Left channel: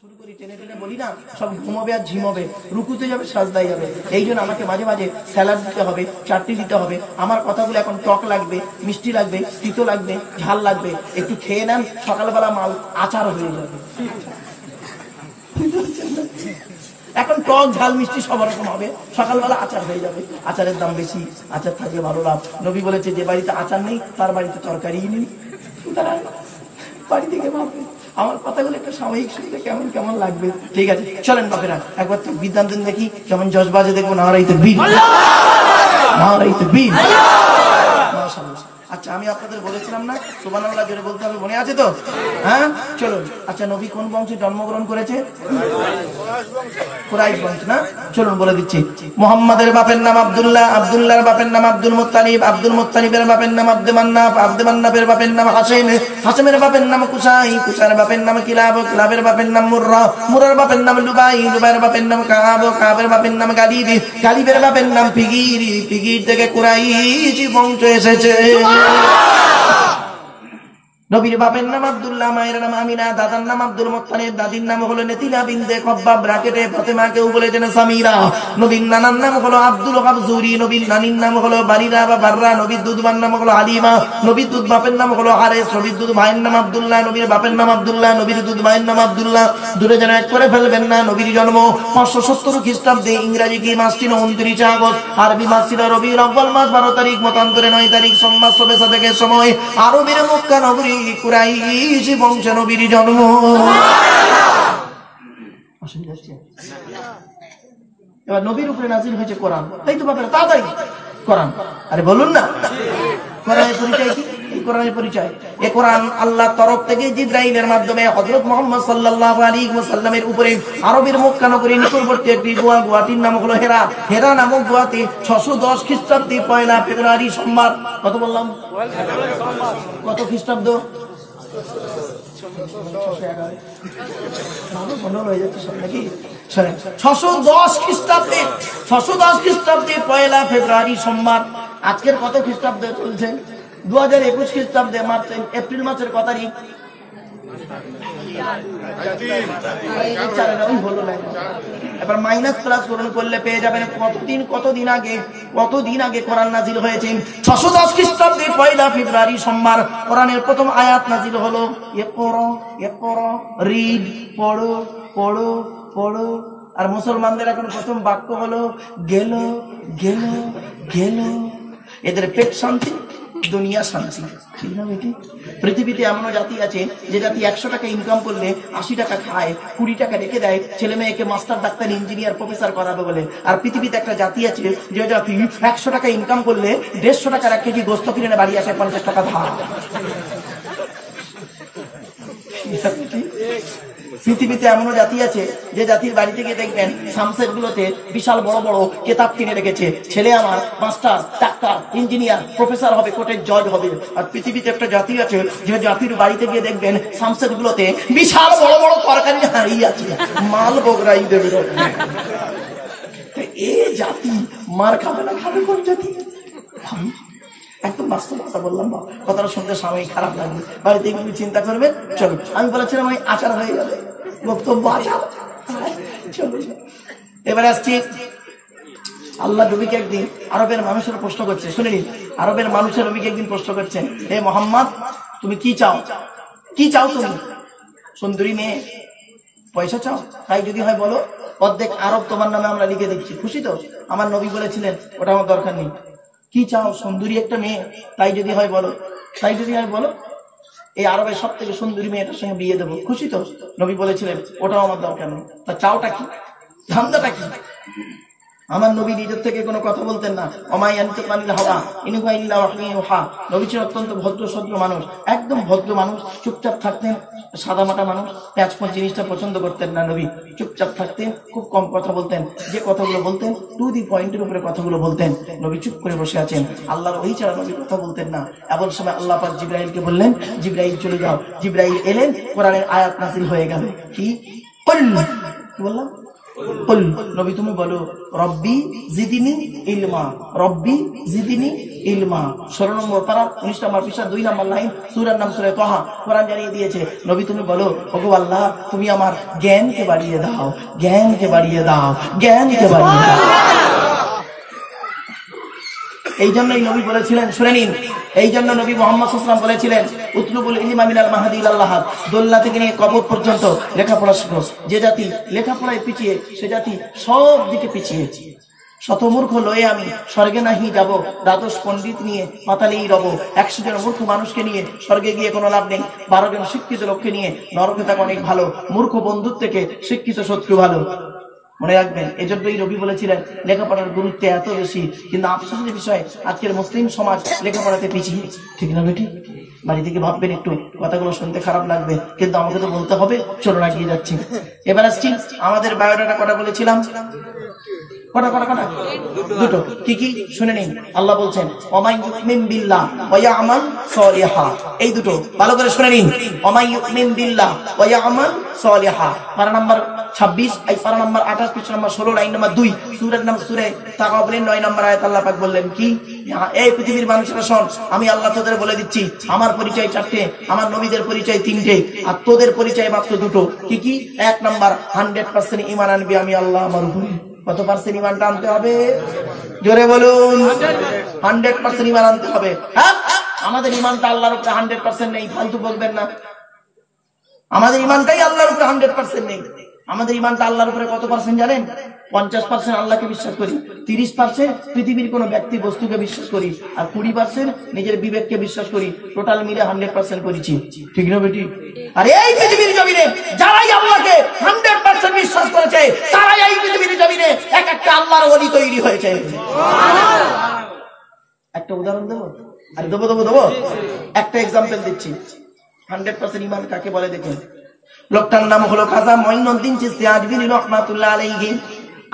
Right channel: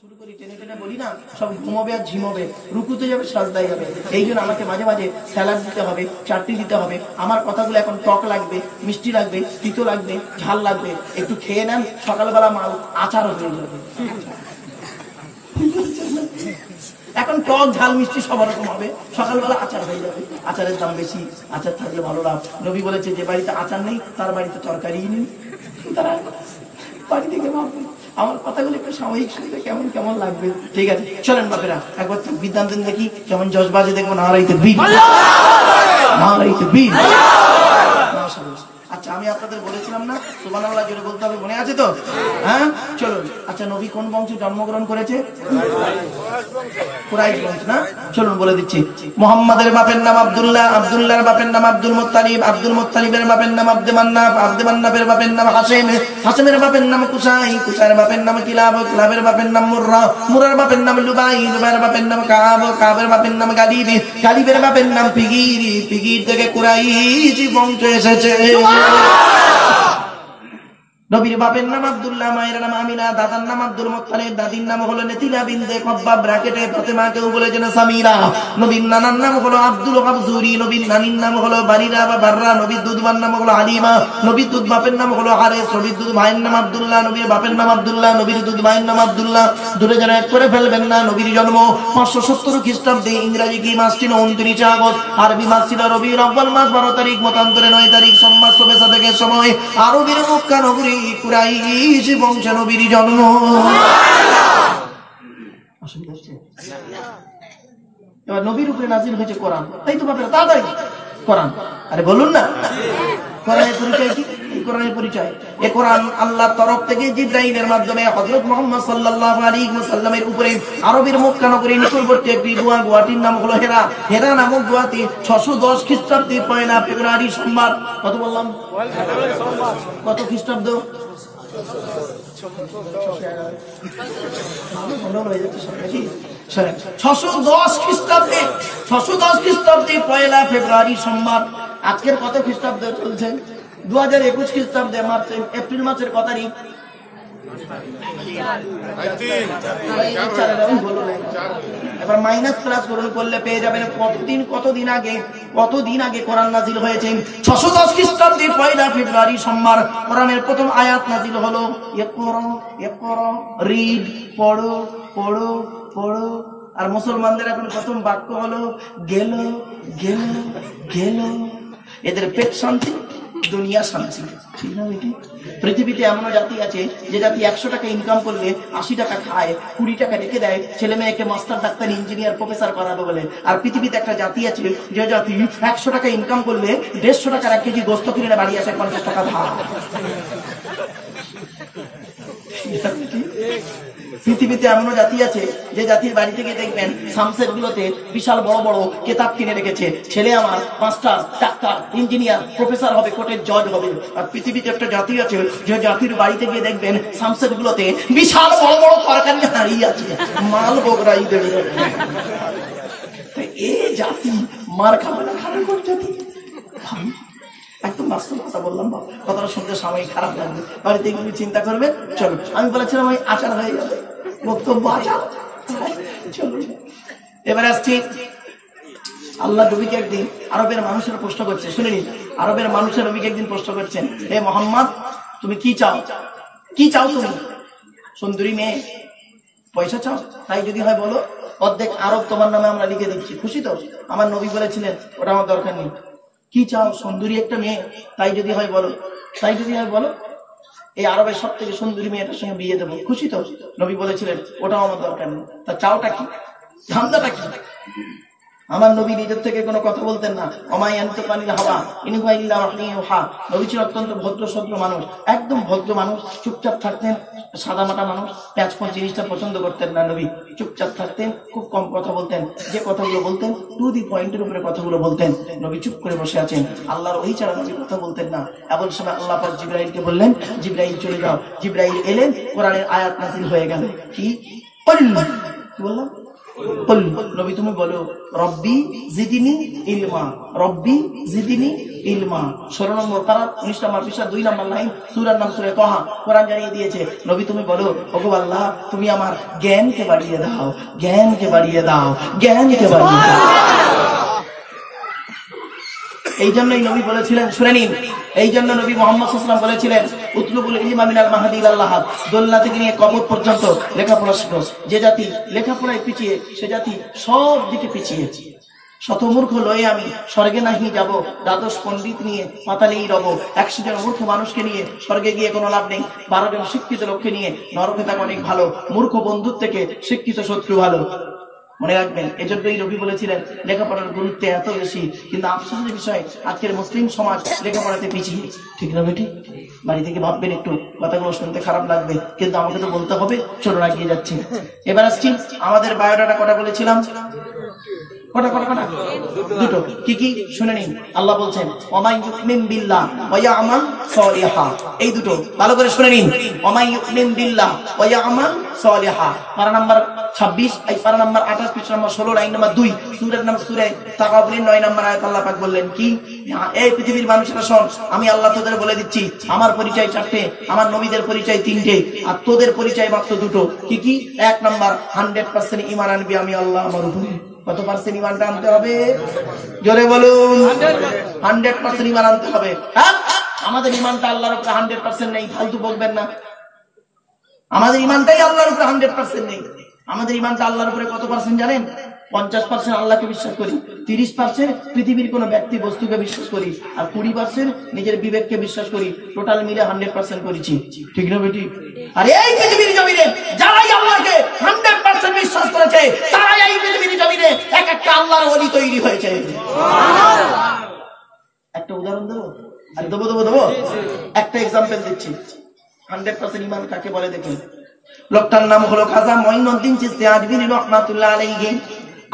শুরু করি টেনে টেনে বলি না, সব ঘুমাবে আর ঝিমাবে, রুকুতে যাবে, সাজদায় যাবে। এই জন্য আমাকে মাঝে মাঝে স্যালাড দিতে হবে, চাটনি দিতে হবে। আমার কথাগুলো এখন টক লাগবে, মিষ্টি লাগবে, তিতো লাগবে, ঝাল লাগবে। একটু খেয়ে নেন, সকালবেলা মাল আচার হয়ে যাবে। এখন টক ঝাল মিষ্টি সব রকম হবে, সকালবেলা আচার হয়ে যাবে। আচারের দাম বেশি, আচার থাকলে ভালো লাভ। নবী বলেছে যে বাড়িতে আচার নেই তার বাড়িতে তরকারি নেই। বাড়ি থেকে ভাববে আমার কথাগুলো একটু সাময়িক শুনতে কেমন কেমন লাগবে। ঠিক আছে, চলেন বাপেরা একবার বিদ্যান দিন দেখি কেমন জজবাজে দেখবেন। নারাইতে বীর, নারাইতে বীর। আচ্ছা, আমি আপনাদের বলেছিলাম না সুবহানাল্লাহ জোরে বলতে হবে, মনে আছে তো? হ্যাঁ, চলুন। আচ্ছা, নবী কোন বংশে জন্মগ্রহণ করেছে? কুরাইশ বংশ না? চলুন বলে দিচ্ছি। মুহাম্মাদের বাপের নাম আব্দুল্লাহ, আব্দুল্লাহর বাপের নাম আব্দুল মুত্তালিব, আব্দুল মুত্তালিবের বাপের নাম আব্দে মান্নাফ, আব্দে মান্নাফের বাপের নাম হাসেম, হাসেমের বাপের নাম কুসাই, কুসাইয়ের বাপের নাম কিলাব, কিলাবের বাপের নাম মুররা, মুরার বাপের নাম লুবাই, লুবাইয়ের বাপের নাম কাব, কাবের বাপের নাম গালিব, গালিবের বাপের নাম ফিগির, ফিগির থেকে কুরাইশ বংশ এসেছে। নবীর বাপের নাম আব্দুল্লাহ, মায়ের নাম আমিনা, দাদার নাম আব্দুল মুত্তালিব, দাদির নাম হলো নেতিলা বিনতে কব্বাব, ব্র্যাকেটে ফাতেমাকেও বলেছেন সামিরা। নবীর নানার নাম হলো আব্দুল কাবজুরি, নবীর নানির নাম হলো বারিরা বা বাররা, নবীর দুধবার নাম হলো হালিমা, নবীর দুধ বাপের নাম হলো হারেস, নবীর দুধ ভাইয়ের নাম আব্দুল্লাহ, নবীর বাপের নাম আব্দুল্লাহ, নবীর দুধ ভাইয়ের নাম আব্দুল্লাহ। দূরে যেন এক করে ফেলবেন না। নবীর জন্ম 570 খ্রিস্টাব্দে, ইংরেজি কি মাস ছিল 29 আগস্ট, আরবি মাস ছিল রবিউল আউয়াল মাস 12 তারিখ, মতান্তরে 9 তারিখ সোমবার সবে সাদেকের সময় আরবের মক্কা নগরী কুরাইশ বংশে নবীর জন্ম। এবার নবীর উপরে নাজিল হয়েছে কোরআন, তাই তো বাপের তাড়াতাড়ি কোরআন। আরে বলুন না, কোরআনের পরিচয় কি? এই কোরআনের পরিচয়, এই কোরআন আল্লাহর তরফ থেকে জিবরাইলের মাধ্যমে হযরত মুহাম্মদ সাল্লাল্লাহু আলাইহি ওয়াসাল্লামের উপরে আরবের মক্কা নগরীর নিকটবর্তী একটি গুয়াটির নাম হলো হেরা। হেরা নামক গুয়াতে 610 খ্রিস্টাব্দে 1 ফেব্রুয়ারি সোমবার, কত বললাম? কত খ্রিস্টাব্দ? 610 খ্রিস্টাব্দে, 610 খ্রিস্টাব্দে 1 ফেব্রুয়ারি সোমবার। আজকের কত খ্রিস্টাব্দে চলছে? 2021 খ্রিস্টাব্দে এপ্রিল মাসের কত তারিখ? এবার মাইনাস প্লাস পূরণ করলে পেয়ে যাবেন কতদিন আগে কোরআন নাজিল হয়েছে। 610 খ্রিস্টাব্দে 1 ফেব্রুয়ারি সোমবার কোরআনের প্রথম আয়াত নাজিল হলো, রিড, পড়ো পড়ো পড়ো। আর মুসলমানদের এখন প্রথম বাক্য হলো গেল গেল গেল। এদের পেট শান্তি, দুনিয়া শান্তি। পৃথিবীতে এমন জাতি আছে যে জাতি 100 টাকা ইনকাম করলে 80 টাকা খায়, 20 টাকা রেখে দেয় ছেলে মেয়েকে মাস্টার, ডাক্তার, ইঞ্জিনিয়ার, প্রফেসর করাবে বলে। আর পৃথিবীতে একটা জাতি আছে যে জাতি 100 টাকা ইনকাম করলে 150 টাকার 1 কেজি গোস্ত কিনে বাড়ি আসে 50 টাকা ধার। পৃথিবীতে এমন জাতি আছে যে জাতির বাড়ি থেকে দেখবেন সামসেট গুলোতে বিশাল বড় বড় কেতাব কিনে রেখেছে, ছেলে আমার মাস্টার, ডাক্তার, ইঞ্জিনিয়ার, প্রফেসর হবে, কোর্টের জজ হবে। আর পৃথিবীতে একটা জাতি আছে যে জাতির বাড়িতে গিয়ে দেখবেন সামসেট গুলোতে বিশাল বড় বড় তরকারি হারিয়ে আছে, মাল বগরাই দেবে। এ জাতি মার খাবে না, খাবে কোন জাতি? একদম বাস্তব কথা বললাম, কথাটা শুনতে সবাই খারাপ লাগবে, বাড়িতে গিয়ে চিন্তা করবে। চলো, আমি বলেছিলাম ওই আচার হয়ে যাবে, বক্তব্য আচার। চলো, এবার আসছি। আল্লাহ নবীকে একদিন আরবের মানুষের প্রশ্ন করছে, শুনে নিন। আরবের মানুষের নবীকে একদিন প্রশ্ন করছেন, হে মোহাম্মদ, তুমি কি চাও? কি চাও তুমি? সুন্দরী মেয়ে, পয়সা চাও? তাই যদি হয় বলো, অর্ধেক আরব তোমার নামে আমরা লিখে দিচ্ছি। খুশি তো? আমার নবী বলেছিলেন ওটা আমার দরকার নেই। কি চাও? সুন্দরী একটা মেয়ে, তাই যদি হয় বলো, তাই যদি হয় বলো, এই আরবের সব থেকে সুন্দরী মেয়েটার সঙ্গে বিয়ে দেবো। খুশি তো? নবী বলেছিলেন ওটাও আমার দরকার নেই। তা চাওটা কি? ধান্দাটা কি? আমার নবী নিজের থেকে কোনো কথা বলতেন না। নবী ছিল অত্যন্ত ভদ্র সভ্য মানুষ, একদম ভদ্র মানুষ, চুপচাপ থাকতেন, সাদা মাটা মানুষ, পেঁয়াজপন জিনিসটা পছন্দ করতেন না। নবী চুপচাপ থাকতেন, খুব কম কথা বলতেন, যে কথাগুলো বলতেন টু দি পয়েন্টের উপরে কথাগুলো বলতেন। নবী চুপ করে বসে আছেন, আল্লাহর ওই ছাড়া নবী কথা বলতেন না। এমন সময় আল্লাহ পাক জিবরাইলকে বললেন, জিবরাইল চলে যাও। জিবরাইল এলেন, কোরআনের আয়াত নাযিল হয়ে গেল। কি বললাম? নবী তুমি বলো রব্বি জিদিনি ইলমা, রব্বি জিদিনি ইলমা। 16 নম্বর পারা 19 নম্বর পৃষ্ঠা 2 নম্বর লাইন, সূরার নাম সূরা তাহা, কোরআন জানিয়ে দিয়েছে। নবী তুমি বলো ওগো আল্লাহ তুমি আমার জ্ঞানকে বাড়িয়ে দাও, জ্ঞানকে বাড়িয়ে দাও, জ্ঞানকে বাড়িয়ে দাও। এই জন্যই নবী বলেছিলেন, শুনে নিন, এই জন্য নবী মুহাম্মদ সাল্লাল্লাহু আলাইহি ওয়াসাল্লাম বলেছিলেন উতলুবুল ইলমা মিনাল মাহদি ইলাল লাহাদ, দোলনা থেকে নিয়ে কবর পর্যন্ত লেখাপড়া শিখো। যে জাতি লেখাপড়ায় পিছিয়ে সে জাতি সব দিকে পিছিয়ে। শতমূর্খ লয়ে আমি স্বর্গে নাহি যাব, দ্বাদশ পণ্ডিত নিয়ে পাতালেই রব। 100 জন মূর্খ মানুষকে নিয়ে স্বর্গে গিয়ে কোনো লাভ নেই, 12 জন শিক্ষিত লোককে নিয়ে নরকে থাকা অনেক ভালো। মূর্খ বন্ধুর থেকে শিক্ষিত শত্রু ভালো, মনে রাখবেন। এজন্যই নবী বলেছিলেন লেখাপড়ার গুরুত্ব এত বেশি, কিন্তু আফসোসের বিষয় আজকের মুসলিম সমাজ লেখাপড়াতে পিছিয়ে। ঠিক না বেটি? বাড়ি থেকে ভাববেন একটু, কথাগুলো শুনতে খারাপ লাগবে কিন্তু আমাকে তো বলতে হবে। চলুন এগিয়ে যাচ্ছি। এবার আসছি আমাদের বায়োডাটা কটা বলেছিলাম, কটা দুটো। কি কি শুনে নিন। আল্লাহ বলছেন ওমাই ইউমিন বিল্লাহ ওয়া ইয়ামাল সালিহা, এই দুটো ভালো করে শুনে নিন। ওমাই ইউমিন বিল্লাহ ওয়া ইয়ামাল সালিহা, পারা নাম্বার 26, এই পারা নাম্বার 28, পৃষ্ঠা নাম্বার 16, লাইন নাম্বার 2, সূরার নাম সূরা তাগাবুনের 9 নম্বর আয়াত। আল্লাহ পাক বললেন কি, এই পৃথিবীর মানুষেরা শোন, আমি আল্লাহ তোদের বলে দিচ্ছি আমার পরিচয় 4টে, আমার নবীদের পরিচয় 3টে, আর তোদের পরিচয় মাত্র 2টো। কি কি? 1 নাম্বার 100% ঈমান আনবি আমি আল্লাহ আমার উপরে। কত পার্সেন্ট ঈমানটা আনতে হবে? জোরে বলুন। 100% ঈমান আনতে হবে। হ্যাঁ, আমাদের ঈমানটা আল্লাহর উপরে 100% নেই, ফালতু বলবেন না। আমাদের ঈমানটাই আল্লাহর উপরে 100% নেই। আমাদের ঈমানটা আল্লাহর উপরে কত পার্সেন্ট জানেন? 50% আল্লাহকে বিশ্বাস করি, 30% পৃথিবীর কোন ব্যক্তি বস্তুকে বিশ্বাস করি, আর 20% নিজের বিবেককে বিশ্বাস করি। টোটাল মিলে 100% করেছি। ঠিক না বেটি? আর এই পৃথিবীর জমিনে যারাই আল্লাহকে 100% বিশ্বাস করেছে, তারাই এই পৃথিবীর জমিনে এক একটা আল্লাহর ওলি তৈরি হয়েছে। একটা উদাহরণ দেবো, আর দেবো একটা এক্সাম্পল দিচ্ছি। 100% ঈমান কাকে বলে দেখুন। লোকটার নাম হলো খাজা মঈনুদ্দিন চিশতি আজমিরি রাহমাতুল্লাহ আলাইহি।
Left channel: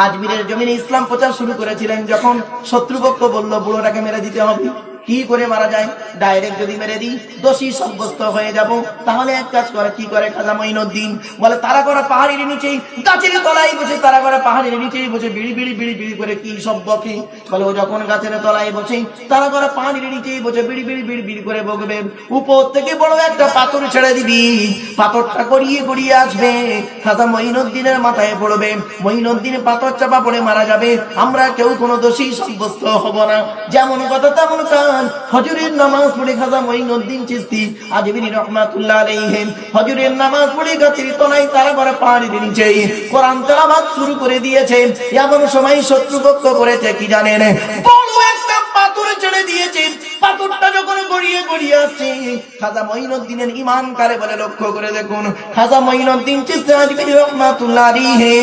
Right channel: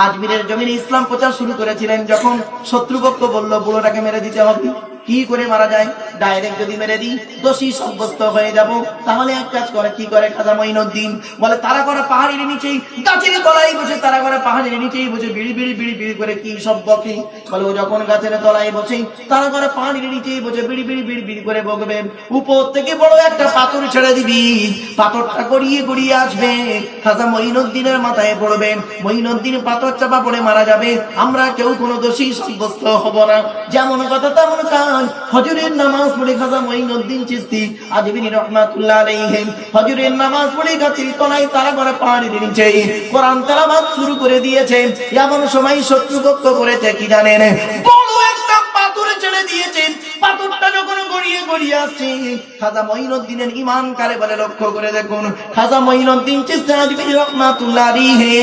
আজমিরের জমিনে ইসলাম প্রচার শুরু করেছিলেন। যখন শত্রুপক্ষ বলল বুড়োটাকে মেরে দিতে হবে, কি করে মারা যায়? ডাইরেক্ট যদি মেরে দিই দোষী সাব্যস্ত হয়ে যাব। তাহলে এক কাজ করে, কি করে খাজা মঈনুদ্দিন বলে, তারা করা পাহাড়ের নিচেই গাছের তলায় বসে, তারা করা পাহাড়ের নিচেই বসে বিড়ি বিড়ি বিড়ি বিড়ি করে কি সব বকে। বলে ও যখন গাছের তলায় বসে, তারা করা পাহাড়ের নিচেই বসে বিড়ি বিড়ি বিড়ি বিড়ি করে বকবেন, উপর থেকে বড় একটা পাথর ছেড়ে দিবি, পাথরটা গড়িয়ে গড়িয়ে আসবে, খাজা মঈনুদ্দিনের মাথায় পড়বে, মঈনুদ্দিন পাথর চাপা পড়ে মারা যাবে। আমরা কেউ কোনো দোষী সাব্যস্ত হব না। যেমন কথা তেমন কাজ। ফজরের নামাজ পড়ে খাজা মঈনুদ্দিন চিশতি আজমিরি রাহমাতুল্লাহ আলাইহি ফজরের নামাজ পড়ে গাছের তলায় তারা করে পাহাড়ের নিচে কোরআন তেলাওয়াত শুরু করে দিয়েছেন। এমন সময় শত্রুপক্ষ করেছে কি জানেন? বড় একটা পাথর ছেড়ে দিয়েছেন। পাথরটা যখন গড়িয়ে গড়িয়ে আসছে, খাজা মঈনুদ্দিনের ঈমান কারে বলে লক্ষ্য করে দেখুন। খাজা মঈনুদ্দিন চিশতি আজমিরি রাহমাতুল্লাহ আলাইহি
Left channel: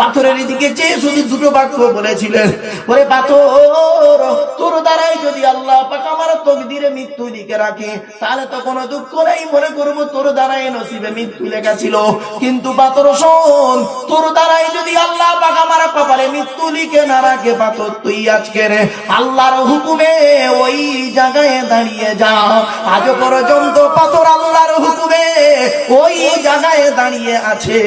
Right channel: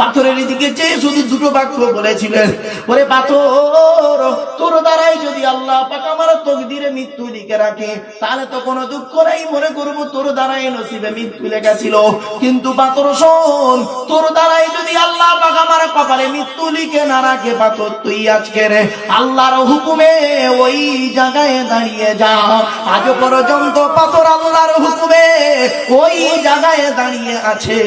পাথরের দিকে চেয়ে শুধু দুটো বাক্য বলেছিলেন, ওরে পাথর, তোর দ্বারাই যদি আল্লাহ পাক আমার তকদিরে মৃত্যু লিখে রাখে, তাহলে তো কোনো দুঃখ নেই, মনে করবো তোর দ্বারাই নসিবে মৃত্যু লেখা ছিল। কিন্তু পাথর শোন, তোর দ্বারাই যদি আল্লাহ পাক আমার কপালে মৃত্যু লিখে না রাখে, পাথর তুই আজকের আল্লাহর হুকুমে ওই জায়গায় দাঁড়িয়ে যা। আজ পর্যন্ত পাথর আল্লাহর হুকুমে ওই জায়গায় দাঁড়িয়ে আছে।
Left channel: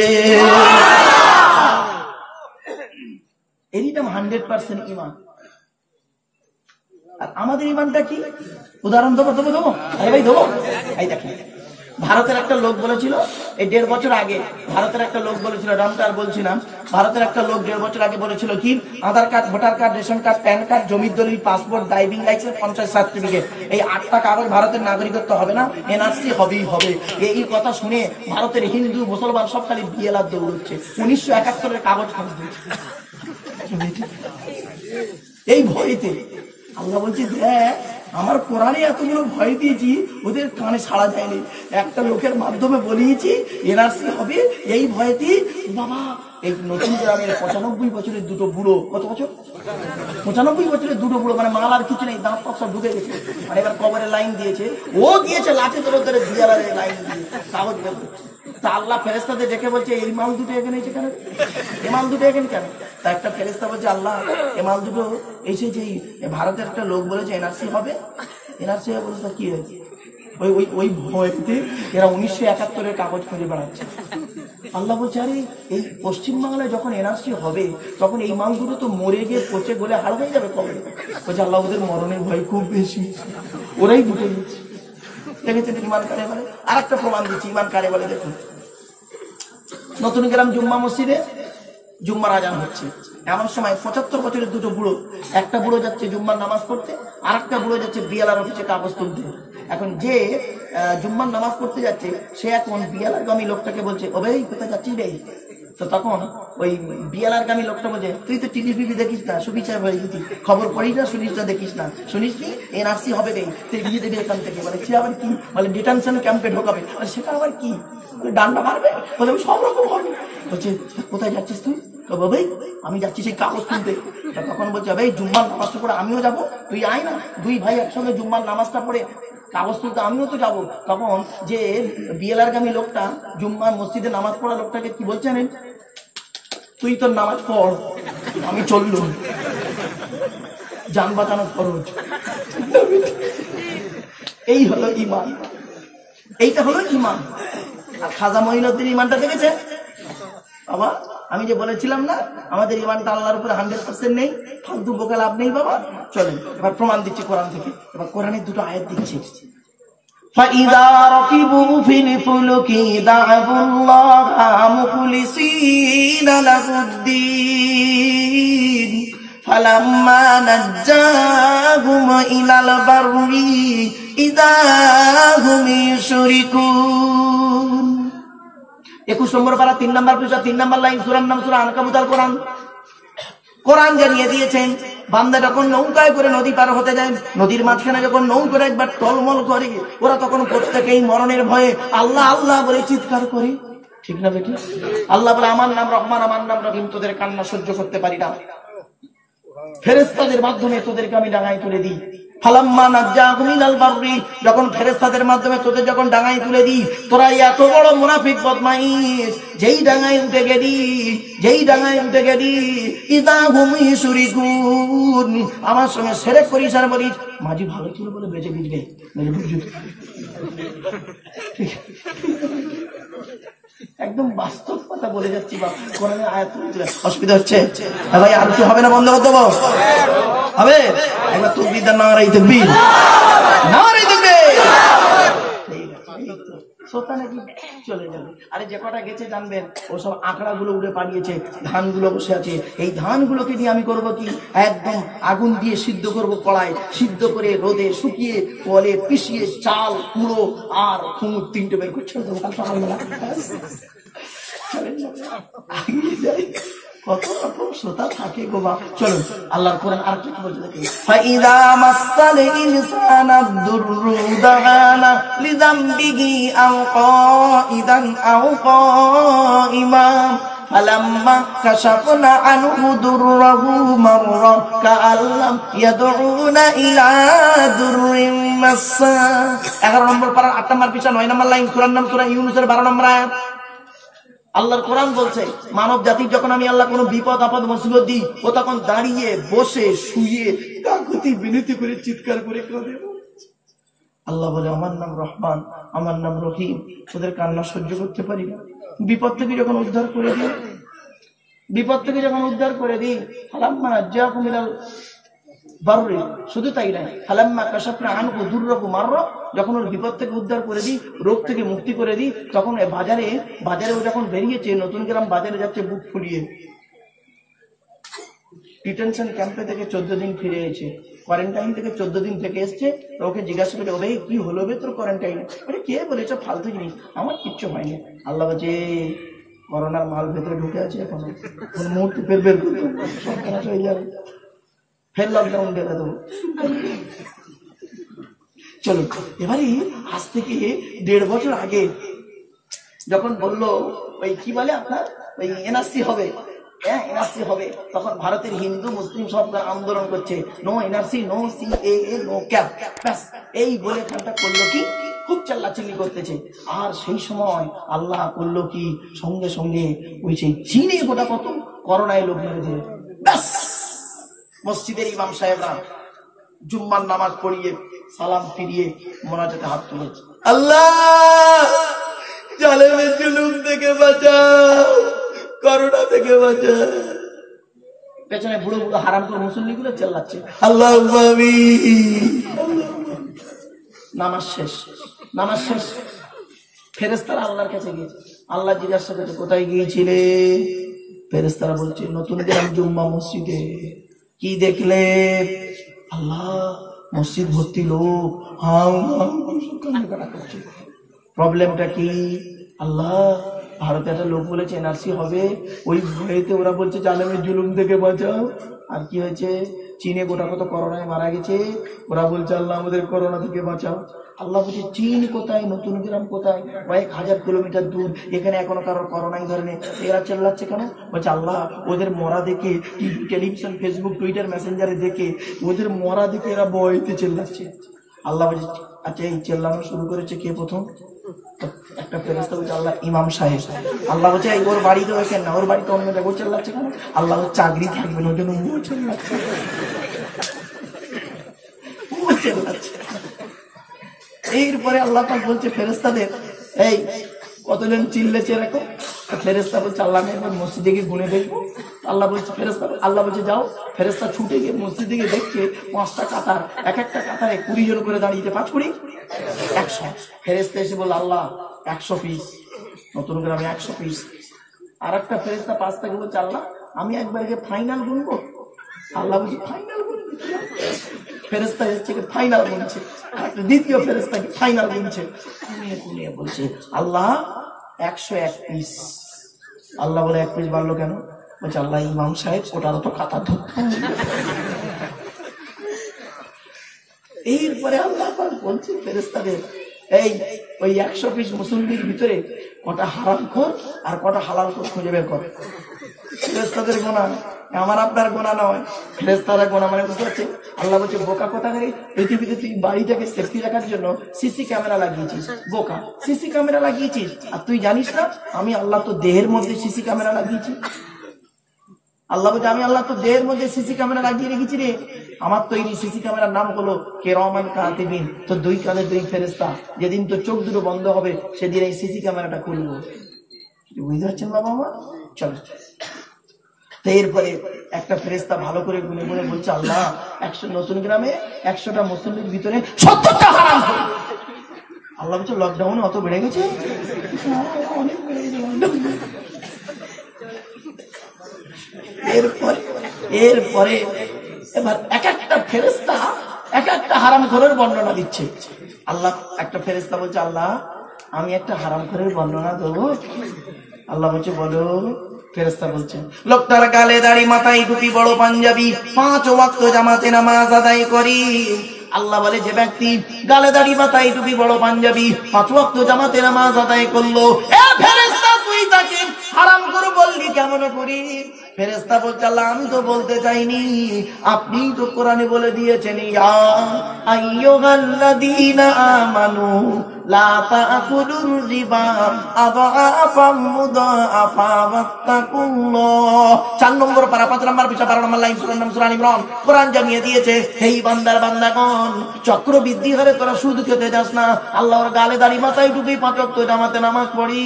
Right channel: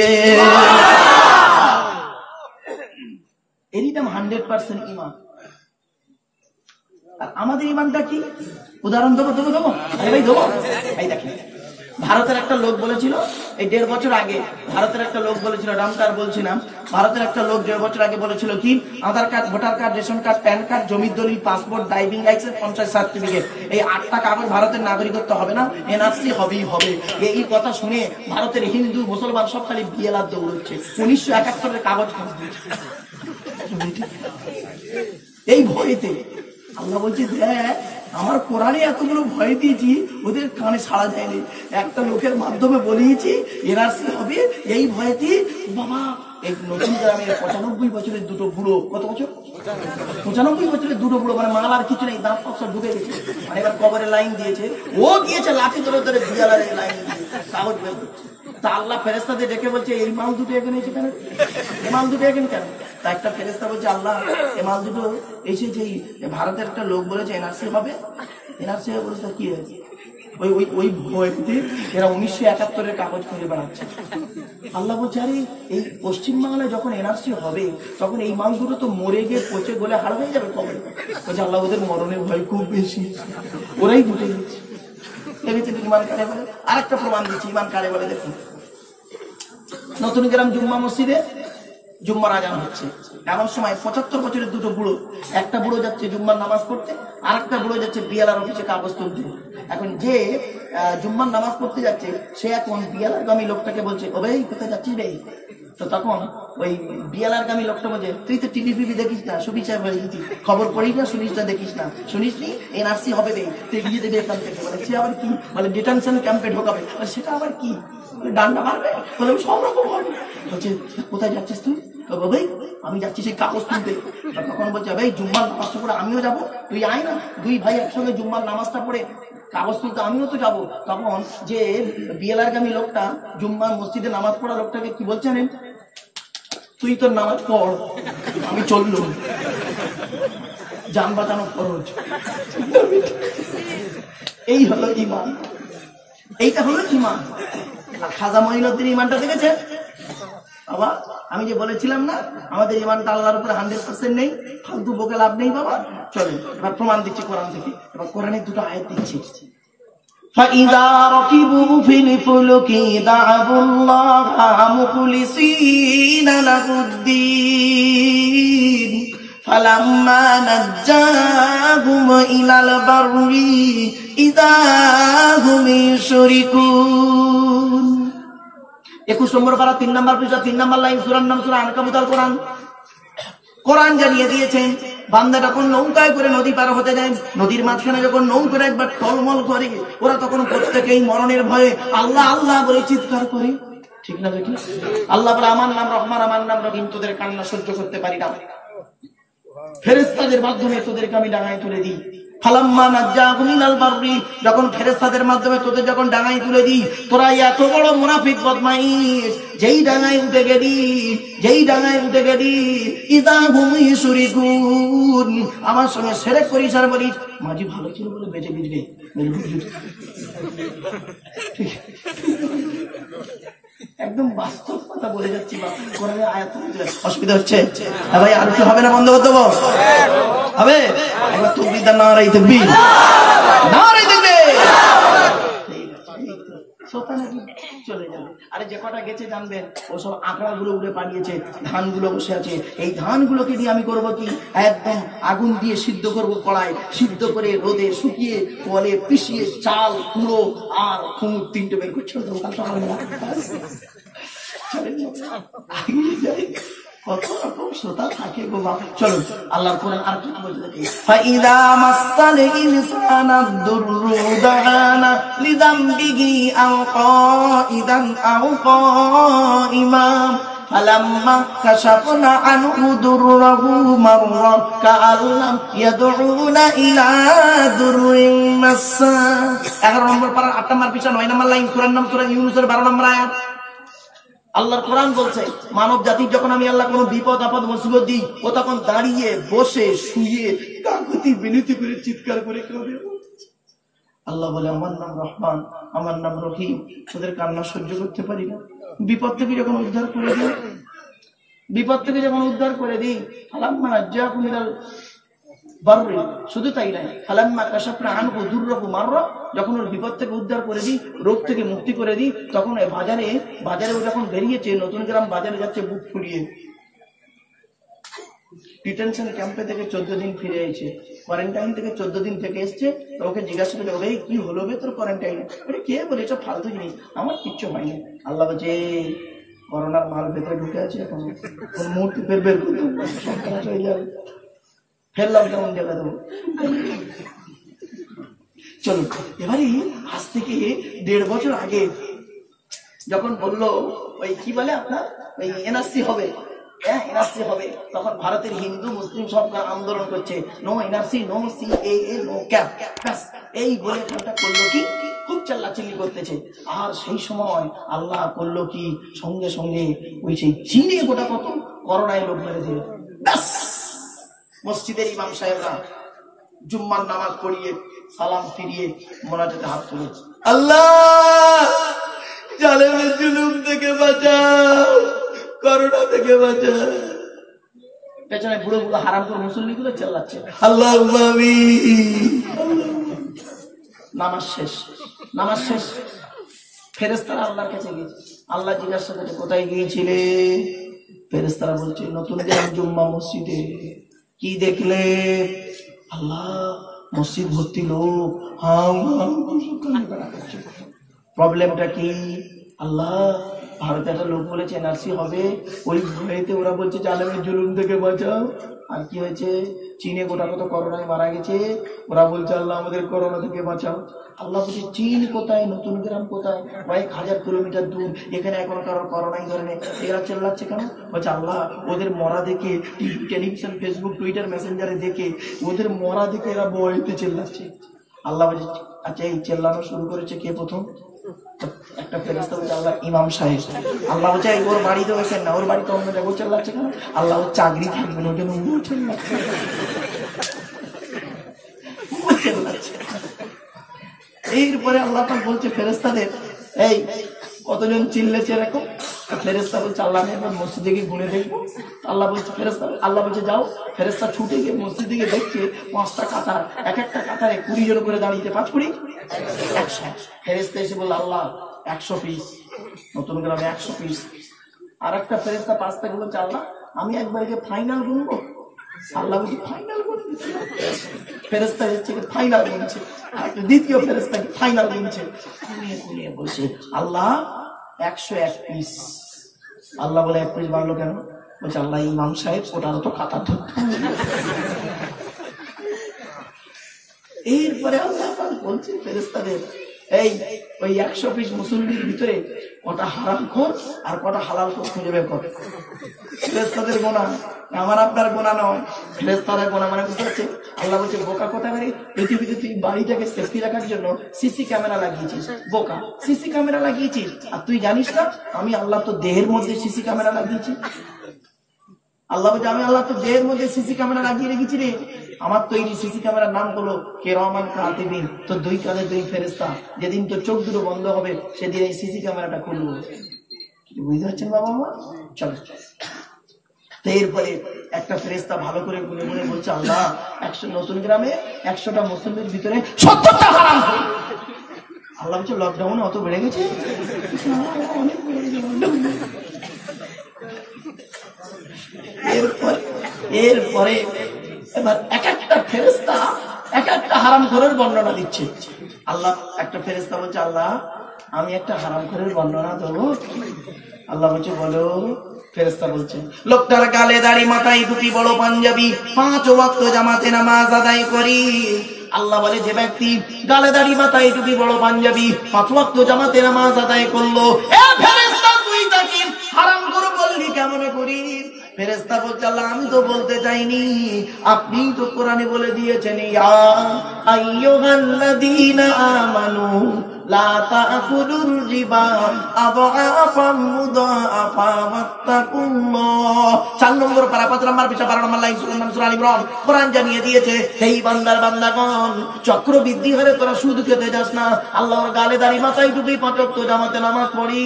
এরই নাম 100% ঈমান। আর আমাদের ঈমানটা কি? উদাহরণ দেবো আরে ভাই দেবো। এই দেখেন, ভারতের একটা লোক বলেছিল এই 1.5 বছর আগে, ভারতের একটা লোক বলেছিল, রামকার বলছিলাম, ভারতের একটা লোক 1.5 বছর আগে বলেছিল কি, Aadhaar card, voter card, ration card, PAN card, জমির দলিল, passport, driving licence, panchayat certificate, এই 8টা কাগজ ভারতের নাগরিকত্ব হবে না, এনআরসি হবেই হবে। এই কথা শুনে ভারতের হিন্দু মুসলমান সব খালি বিয়েলার দৌড়চ্ছে। 1971-এর কাগজ ফাঁস দিয়েছে এই ভয়েতে। আল্লাহ বলছে দেখ, আমার কোরআনে এতগুলো ভয় দিয়েছি, ওদের কানে সাড়া যায়নি। একটা লোকের মাধ্যমে বলিয়েছি এনআরসি হবে, এই ভয়েতে বাবা এই নতুন গ্রামের 95 বছরের দুটো বুড়ো, কত বছর? 95 বছরের দুটো বুড়ো, মানে মাল আর কিছু নেই, দাঁত সব ঢুকে গেছে, মানে এবার কবরের লাইন দিয়েছে, ও গিয়েছে লাঠি ধরে ধরে বিয়ালারের লাইন দিয়ে কাগজ বের করছে। তা আল্লাহ ফেরেশতাদের ডেকে বলছে এই মাল দুটো এখানে এসে কেন, এই মাল দুটো এখানে কেন? তা একটা ফেরেশতা বলছে আল্লাহ এই মাল দুটো এসেছে, ভারতের একটা লোক বলেছে এনআরসি হবে, এনআরসি অবস্থা কি হয়েছে? ওই ভয়তে এরা 1971-এর কাগজ খুঁজে বেড়াচ্ছে। আল্লাহ বলছে আরে এই পশ্চিমবাংলায় যখন এনআরসি হবে তখন এই মালগুলো তো মরে গিয়ে পচে গলে হার হয়ে যাবে কবে। বলছে আল্লাহ ওদের মরণের ভয় খুব বেশি, ওরাই ঢুকে গেছে। দেখেছেন ইমান কারে বলে? আর একটা প্রমাণ দিচ্ছি ইমান কারে বলে। দেখুন নতুন গ্রাম জুম্মা মসজিদে জুম্মার আজান হচ্ছে, এমন সময় 75 বছরের দুটো বুড়ো, একটা বুড়ো যাচ্ছে জুম্মার নামাজ পড়তে, আর একটা বুড়ো যাচ্ছে বিয়ালার অফিসে কাগজ তুলতে। এখন যে জুম্মার নামাজ পড়তে যাচ্ছে সে এখন বিয়ালার গামী লোকটাকে বলছে ও ভাই কোথায় যাচ্ছিস রে? তো তখন ওই বিয়ালার গামী লোকটা বলছে তুই তো টিভি ফিভি দেখিস না, সুবিচার বাড়িয়েছি, খবর পড়িস না, শুনিস না, দেখিস না, শুনিস নি এনআরসি হবে রে, তুই গিয়ে দেবে এখান থেকে। মানে সে আবার কি, মানে ডিটেনশন ক্যাম্পে ঢোকাবে, সেটা আবার কি, ডান্ডা মারবে, বলে সব রকম হবে। বলছে কোথায় যাচ্ছিস তুই? ভাই আমি যাচ্ছি সেই কাগজ তুলতে। তখন বলছে ভাই জুম্মার নামাজটা পড়ে আমিও যাবো, তুই আয় না, দুই ভাই একসঙ্গে জুম্মার নামাজটা পড়ে কাগজ তুলতে আমিও তো যাবো। তখন যে বিএলআর গামী লোকটা জুম্মার মসজিদে নামাজ পড়া লোকটাকে কি বলছেন, তুই তোর নামাজ পড়, আমি চললুম, যান বাঁচানো খরচ। এই হলো ইমান, এইটা হলো ইমান। আর খাজা মঈনুদ্দিন ইমানটা দেখেছে বাবা? আমি যে বলেছিলাম না আমাদের ইমানটা আল্লাহর উপরে 100% নেই, ফালতু বকে লাভ নেই বাবা। চলেন এবার প্রমাণ দিচ্ছি কোরআন থেকে। এবার কোরআনের দুটো আয়াত দিচ্ছি। فَإِذَا رَكِبُوا فِي الْفُلْكِ دَعَوُا اللَّهَ مُخْلِصِينَ لَهُ الدِّينَ فَلَمَّا نَجَّاهُمْ إِلَى الْبَرِّ إِذَا هُمْ يُشْرِكُونَ। 21 নম্বর পারা 3 নম্বর পৃষ্ঠা 3 নম্বর লাইন, সূরার নাম সূরা আনকাবুত। কোরআন কোরআন জানিয়ে দিয়েছেন বান্দা যখন নৌকায় করে নদী পার হতে যায়, নদীর মাঝখানে যখন নৌকা একবার টলমল করে, ওরা তখন প্রত্যেকেই মরণের ভয়ে আল্লাহ আল্লাহ বলে চিৎকার করে, ঠিক না বেটি? আল্লাহ বলে আমার নাম রহমান, আমার নাম রহিম, তোদের কান্না সহ্য করতে পারি না, ফেরেশতাদের মাধ্যমে তোদেরকে আমি ডাঙায় তুলে দিই। ফালাম্মা নাজ্জাহুম ইলাল বাররি, যখন ফেরেশতাদের মাধ্যমে তোদের যখন ডাঙায় তুলে দিই, তোরা এত বড় মুনাফিক বদমাইশ, যেই ডাঙায় উঠে গেলি ইদা হুম ইউশরিকুন, আমার সঙ্গে শিরক করিস আর বলিস মাঝি ভালো ছিল বলে বেঁচে গিয়েছে। একদম বাস্তব কথা বলে যাচ্ছি বা কোরআনের আয়াত অসুবিধা হচ্ছে ভাই? আর কি হবে না? বন্ধ করতে হবে? এবার তুকবির নারাই তাকবীর, নারাই তাকবীর। চলে যাবে। আরে যে কটা গেছে জানবেন ওসব আঁকড়া গুলো উড়ে পালিয়েছে, ধানগুলো বসে আছে। এই ধানগুলোকে দিয়ে আমি করবো কি, একদম আগুন দিয়ে সিদ্ধ করবো, কড়াই সিদ্ধ করে রোদে শুকিয়ে কলে পিষিয়ে চাল কুড়ো আর কুমুর 3টে বের করছে। কত রকম শ্রোতা থাকে গো বাবা। চলুন আল্লাহর কোরআন আর কি বলতে দেখি। ফাইদা মাসাল ইনসানা দুররু দাআনা লিযামবিহি আও কাইদান আও কাইমা ফালাম্মা কাশাফনা আনহু দুররাহু মাররা কাআল্লাম ইয়াদউনা ইলা দুররিন মাসা। 11 নম্বর পারা 8 নম্বর পৃষ্ঠা 9 নম্বর লাইন, সূরার নাম সূরা ইউনূসের 12 নম্বর আয়াত। আল্লাহর কোরআন বলছে মানব জাতির যখন আমি আল্লাহ কোনো বিপদ আপদ মুসিবত দিই, ও তখন দাঁড়িয়ে বসে শুয়ে কাকুতি বিনতি করে চিৎকার করে কাঁদে। আল্লাহ বলে আমার নাম রহমান, আমার নাম রহিম, তোদের কান্না সহ্য করতে পারি না। বিপদ থেকে যখন উদ্ধার করে দিই ফালাম্মা নাজ্জাহুম ইলাল বাররি, শুধু তাই নয় ফালাম্মা কাশাফনা আনহু দুররাহু মাররা, যখন ওর বিপদ থেকে উদ্ধার করে দিই, রোগ থেকে মুক্তি করে দিই, তখন বাজারে যখন বেরিয়েছে, নতুন গ্রাম বাজারে যাচ্ছে বুক ফুলিয়ে, ডিটেনশন ক্যাম্পে থেকে 14 দিন ফিরে এসেছে, কোয়ারেন্টাইন থেকে 14 দিন থেকে এসছে। ওকে জিজ্ঞাসা করে ওরে কি হলো বে তোর কোয়ারেন্টাইনে? আরে কে বলে এসব ফালতু জিনিস, আমার কিচ্ছু হয়নি। আল্লাহ বলছে করোনার মাল ভেতরে ঢুকে আছে, এখন মুখ বের হয়ে যাবে, ফের লকডাউন দেবে দেবো। চলো এবারে আজ থেকে 1.5 বছর আগে যখন বললো ওই কি বলে আপনার ওই এনআরসি হবে, তখন ভারতের হিন্দু মুসলিম সব আন্দোলন করছে, no NRC, no CAA, no CAB, এই বলে ঠান্ডা করলো কি, খুব চিল্লাচিল্লি করতেছে। আর সেই সময় আল্লাহ করলো কি, সঙ্গে সঙ্গে ওই সেই চীনে গোটা কত করোনায় লোক মেরে দিয়ে ব্যাস মসজিদের ইমাম সাহেবরা জুম্মার নামাজ পড়িয়ে সালাম ফিরিয়ে মোনাজাতে হাত তুলেছে, আল্লাহ জালেমের জুলুম থেকে বাঁচাও, করোনা থেকে বাঁচাও। পেছনে বুড়ো বুড়ো হারাম করে মুসল্লি গুলো চেল্লাচ্ছে আল্লাহ। নামাজ শেষ, নামাজ শেষ। ফেরেশতারা আল্লাহর কাছে গিয়েছে। আল্লাহ জিজ্ঞাসা করছে কোথায় গিয়েছিলে? ফেরেশতারা বলছে নতুন গ্রাম জুম্মা মসজিদে। কি দেখলে? আল্লাহ মসজিদ ভর্তি লোক, প্রবলেমটা কি? আল্লাহ ভারতে একটা লোক বলেছে এনআরসি হবে, ওই ভয়েতে ওরা বলছে জালেমের জুলুম থেকে বাঁচাও। আর কি হয়েছে? চীনে গোটা কত করোনায় মারা গেছে, ওরা বলছে আল্লাহ আমাদের করোনা থেকে বাঁচাও। আল্লাহ বলছে চীন কোথায়, নতুন গ্রাম কোথায়, কয়েক হাজার কিলোমিটার দূর, এখানে এখনো কারো করোনাই ধরেনি, এরা চেল্লাচ্ছে কেন? বলছে আল্লাহ ওদের মরা দেখে, টেলিভিশন, ফেসবুক, টুইটার, মেসেঞ্জারে দেখে, ওদের মরা দেখে এরা ভয়তে চেল্লাচ্ছে। আল্লাহ বলছে আচ্ছা এই চেল্লানো শুরু করেছে কে প্রথম? একটা ফেরেশতা বলছে আল্লাহ ইমাম সাহেব। আল্লাহ বলছে ওর বাড়িতে ওখানে না, ওর বাড়িতে অন্য জায়গায় চেল্লাচ্ছে কেন? আল্লাহ ওর চাকরি থাকবে না, ওটা চেল্লাচ্ছে। এরপরে আল্লাহ পাক বলছে ফেরেশতাদের এই কতজন চিল্লেছে এরকম? ফেরেশতা বলছে আল্লাহ আমি একবার মসজিদে গিয়ে গুনে দেখবো। আল্লাহ বলছে ফেরেশতা, আল্লাহ বলছে যাও। ফেরেশতা ছুটে গিয়ে মসজিদে গিয়ে দেখছে 5টা কাতার, এক একটা কাতারে 20 জন করে দাঁড়িয়েছে, 5 20 100। ফেরেশতা এসে বলল আল্লাহ 100 পিস, নতুন গ্রামে 100 পিস। আর একটা ফেরেশতা 5 থেকে বলছে আল্লাহ আমি একবার গিয়ে ফাইনাল গুনবো। আল্লাহ বলছে ফাইনাল গুনবি? ফেরেশতা হচ্ছে ফাইনাল গুনছে, দ্বিতীয় ফেরেশতা কি ফাইনাল গুনছে, গুনিয়ে বলছে আল্লাহ 101 পিস। আল্লাহ বলে 1 পিস বাড়লো কেন? বলছে আল্লাহ ইমাম সাহেব ওটার তো কাতার ধরতে। এরপরে আল্লাহ বলছে ফেরেশতাদের এই ওই 100 পিস মুসল্লির ভিতরে কটা হারামখোর আর কটা হালালখোর খুঁজে বের করে। ফেরেশতাদের গোনা, আমার আপনার গোনা নয়, ফেরেশতাদের গোনা। মানে বুঝতে পারছি? আল্লাহ বলছে বোকা কোথাকারে, পৃথিবীতে তুই বাড়িটাকে সেফটি রাখার জন্য সিসি ক্যামেরা লাগিয়েছিস, বোকা সিসি ক্যামেরা লাগিয়েছিস, আর তুই জানিস না আমি আল্লাহ তো দেহের মধ্যে সিসি ক্যামেরা লাগিয়েছি। আল্লাহ বলছে আমি আল্লাহ তো দেহের মধ্যে সিসি ক্যামেরা লাগিয়ে রেখেছি রে। আমার তৈরি সিসি ক্যামেরার নাম হলো কিরামান কাতিবিন। তো 2 কাঁধে 2 ফেরেশতা, যেদিন তো চোখ দুটো বন্ধ হবে সেদিন এই সিসি ক্যামেরাটা খুলবো। বুঝতে পারছেন বাবা মা? চলো। এরপরে একটা ফেরেশতা ভালো করে গুনে গুনে বলছে আল্লাহ 100 নতুন গ্রামে 100টা মুসল্লির ভিতরে 70টা হারাম। আল্লাহ বলছে লকডাউনে অত বেড়ে গেছে? অনেক বেড়ে গেছে। এরপরে এবার এক একটা ফেরেশতা এক একটা হারামখোরের বর্ণনা দিচ্ছে। আল্লাহ একটা ফেরেশতা বলছে আল্লাহ আমি একটা হারামখোরের বর্ণনা দেবো। আল্লাহ বলছে বলো। ফেরেশতা বলছেন লোকটার গালে দাড়ি, মাথায় টুপি, বড় পাঞ্জাবি, 5 ওয়াক্ত জামাতে নামাজ আদায় করি। আল্লাহ বলে যে ব্যক্তি গালে দাড়ি, মাথায় টুপি, বড় পাঞ্জাবি, 5 ওয়াক্ত জামাতে নামাজ আদায় করলো, এ ফেরেশতা তুই তাকে হারামখোর বললি কেমন করি? ফেরেশতা বলছে আল্লাহ আমি তো বলতে চাইনি, আপনি তো কোরআনে বলে দিয়েছেন ইয়া আইয়ুহাল্লাযীনা আমানু লা তাকুলুর রিবা আযআফাম মুদাআফা ওয়াত্তাকুল্লাহ। 4 নম্বর পারা 5 নম্বর পৃষ্ঠা 12 নম্বর লাইন সূরা নাম সূরা আল ইমরান। কোরআন জানিয়ে দিয়েছে এই বান্দার বান্দাগণ চক্রবৃদ্ধি হারে তোরা সুদ খেতে যাস না। আল্লাহর গালে দাড়ি, মাথায় টুপি, 5 ওয়াক্ত জামাতে নামাজ পড়ি,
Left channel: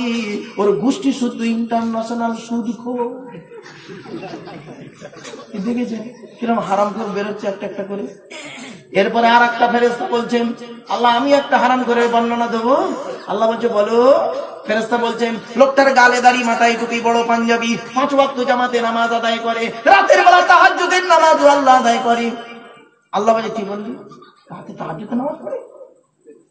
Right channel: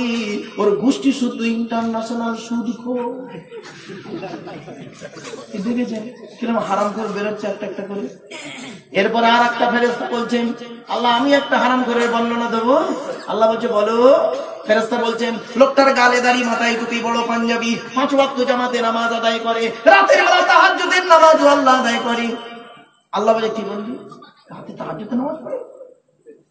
ওর গোষ্ঠী শুধু ইন্টারন্যাশনাল সুদখোর। দেখেছেন কিরকম হারামখোর বেরোচ্ছে একটা একটা করে। এরপর আর একটা ফেরেশতা বলছেন আল্লাহ আমি একটা হারামখোরের বর্ণনা দেবো। আল্লাহ বলছে বলো। ফেরেশতা বলছেন লোকটার গালে দাড়ি, মাথায় টুপি, বড় পাঞ্জাবি, 5 ওয়াক্ত জামাতে নামাজ আদায় করে, রাতের বেলা তাহাজ্জুদের নামাজও আল্লাহ আদায় করে। আল্লাহ বলে কি বললি? রাতে তাহাজ্জুদের নামাজ পড়ে?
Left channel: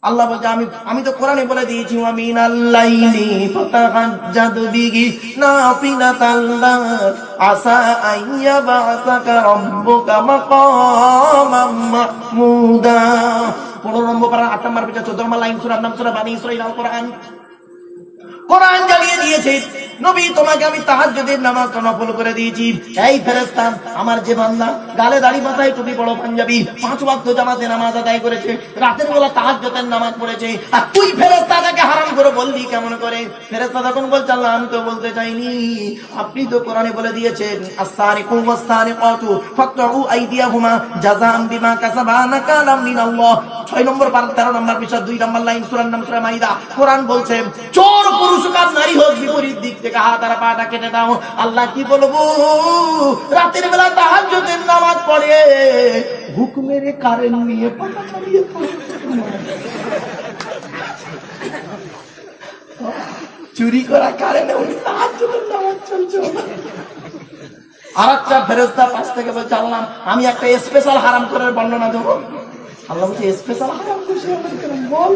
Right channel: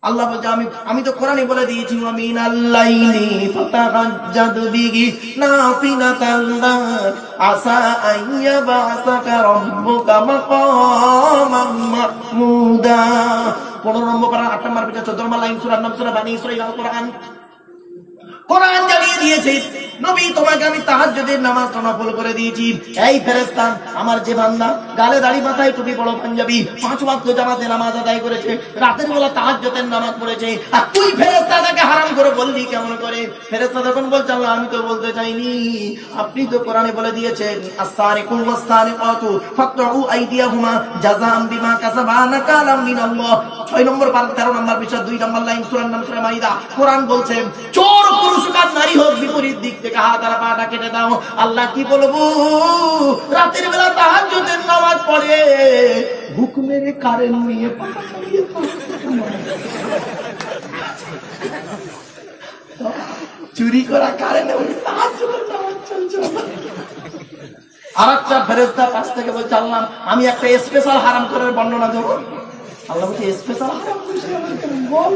আল্লাহ বলছে আমি তো কোরআনে বলে দিয়েছি মিনাল লাইলি ফাতাহাজ্জাদ বিহি নাফিলাতাল লাক আসা আইয়াবাসাকা রাব্বুকা মাকামাম মাহমুদা। 15 নম্বর পারা 8 নম্বর পৃষ্ঠা 14 নম্বর লাইন সূরা নাম সূরা বানী ইসরাঈল আল কোরআন। কোরআন জানিয়ে দিয়েছে নবী তোমাকে আমি তাহাজ্জুদের নামাজটা নফল করে দিয়েছি। এই ফেরেশতা আমার যে বান্দা গালে দাড়ি, মাথায় টুপি, বড় পাঞ্জাবি, 5 ওয়াক্ত জামাতে নামাজ আদায় করেছে, রাতের বেলা তাহাজ্জুদের নামাজ পড়েছে, আর তুই ফেরেশতা তাকে হারাম এমন করে বললি কেমন করে? ফেরেশতা তখন বলছে আল্লাহ আমি তো বলতে চাইনি, আপনি তো কোরআনে বলে দিয়েছেন আস-সারিকু ওয়াস-সারিকাতু ফাকতউ আইদিয়াহুমা জাযাআন বিমা কাসাবা নাকালাম মিনাল্লাহ। 6 নম্বর 13 নম্বর পৃষ্ঠা 2 নম্বর লাইন সূরা সূরা মাইদা। কোরআন বলছে চোর পুরুষ হোক আর নারী হোক বিপরীত দিক থেকে হাত আর পাটা কেটে দাও। আল্লাহ কি বলবো, রাতের বেলা তাহাজ্জুদের নামাজ পড়ে হুকুমের কারেন্ট নিয়ে পাটা চালিয়ে চুরি করা কারেন্ট তাহাজ্জুদের নামাজ চলছে। আরেকটা ফেরেশতা পাশ থেকে বলছে আল্লাহ আমি একটা স্পেশাল হারাম করার বর্ণনা দেবো। আল্লাহ বলছে স্পেশাল হারাম বল।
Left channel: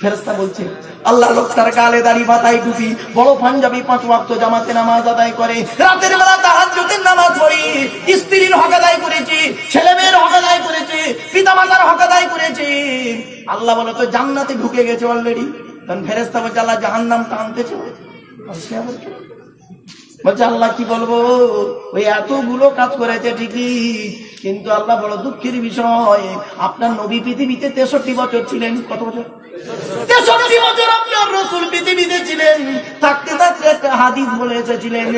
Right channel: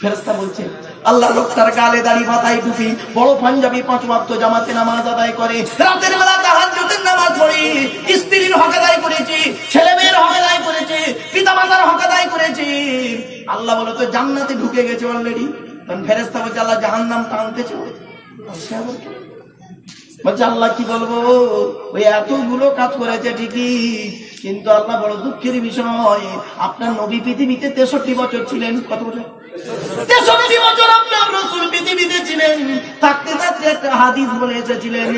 ফেরেশতা বলছে আল্লাহ লোকটার গালে দাড়ি মাথায় টুপি বড় পাঞ্জাবি 5 ওয়াক্ত জামাতে নামাজ আদায় করে রাতের বেলা তাহাজ্জুদের নামাজ পড়ে স্ত্রীর হক আদায় করেছে, ছেলে মেয়ের হক আদায় করেছে, পিতা মাতার হক আদায় করেছে। আল্লাহ বলে তো জান্নাতে ঢুকে গেছে অলরেডি। তখন ফেরেশতা বলছে আল্লাহ জাহান্নাম টানতেছে। বলছে আল্লাহ কি বলবো, ওই এতগুলো কাজ করেছে ঠিকই, কিন্তু আল্লাহ বড় দুঃখের বিষয় আপনার নবী পৃথিবীতে 63 বছর ছিলেন। কত বছর? 63 বছর আপনার রাসূল পৃথিবীতে ছিলেন। থাকতে থাকতে একটা হাদিস বলে এসেছিলেন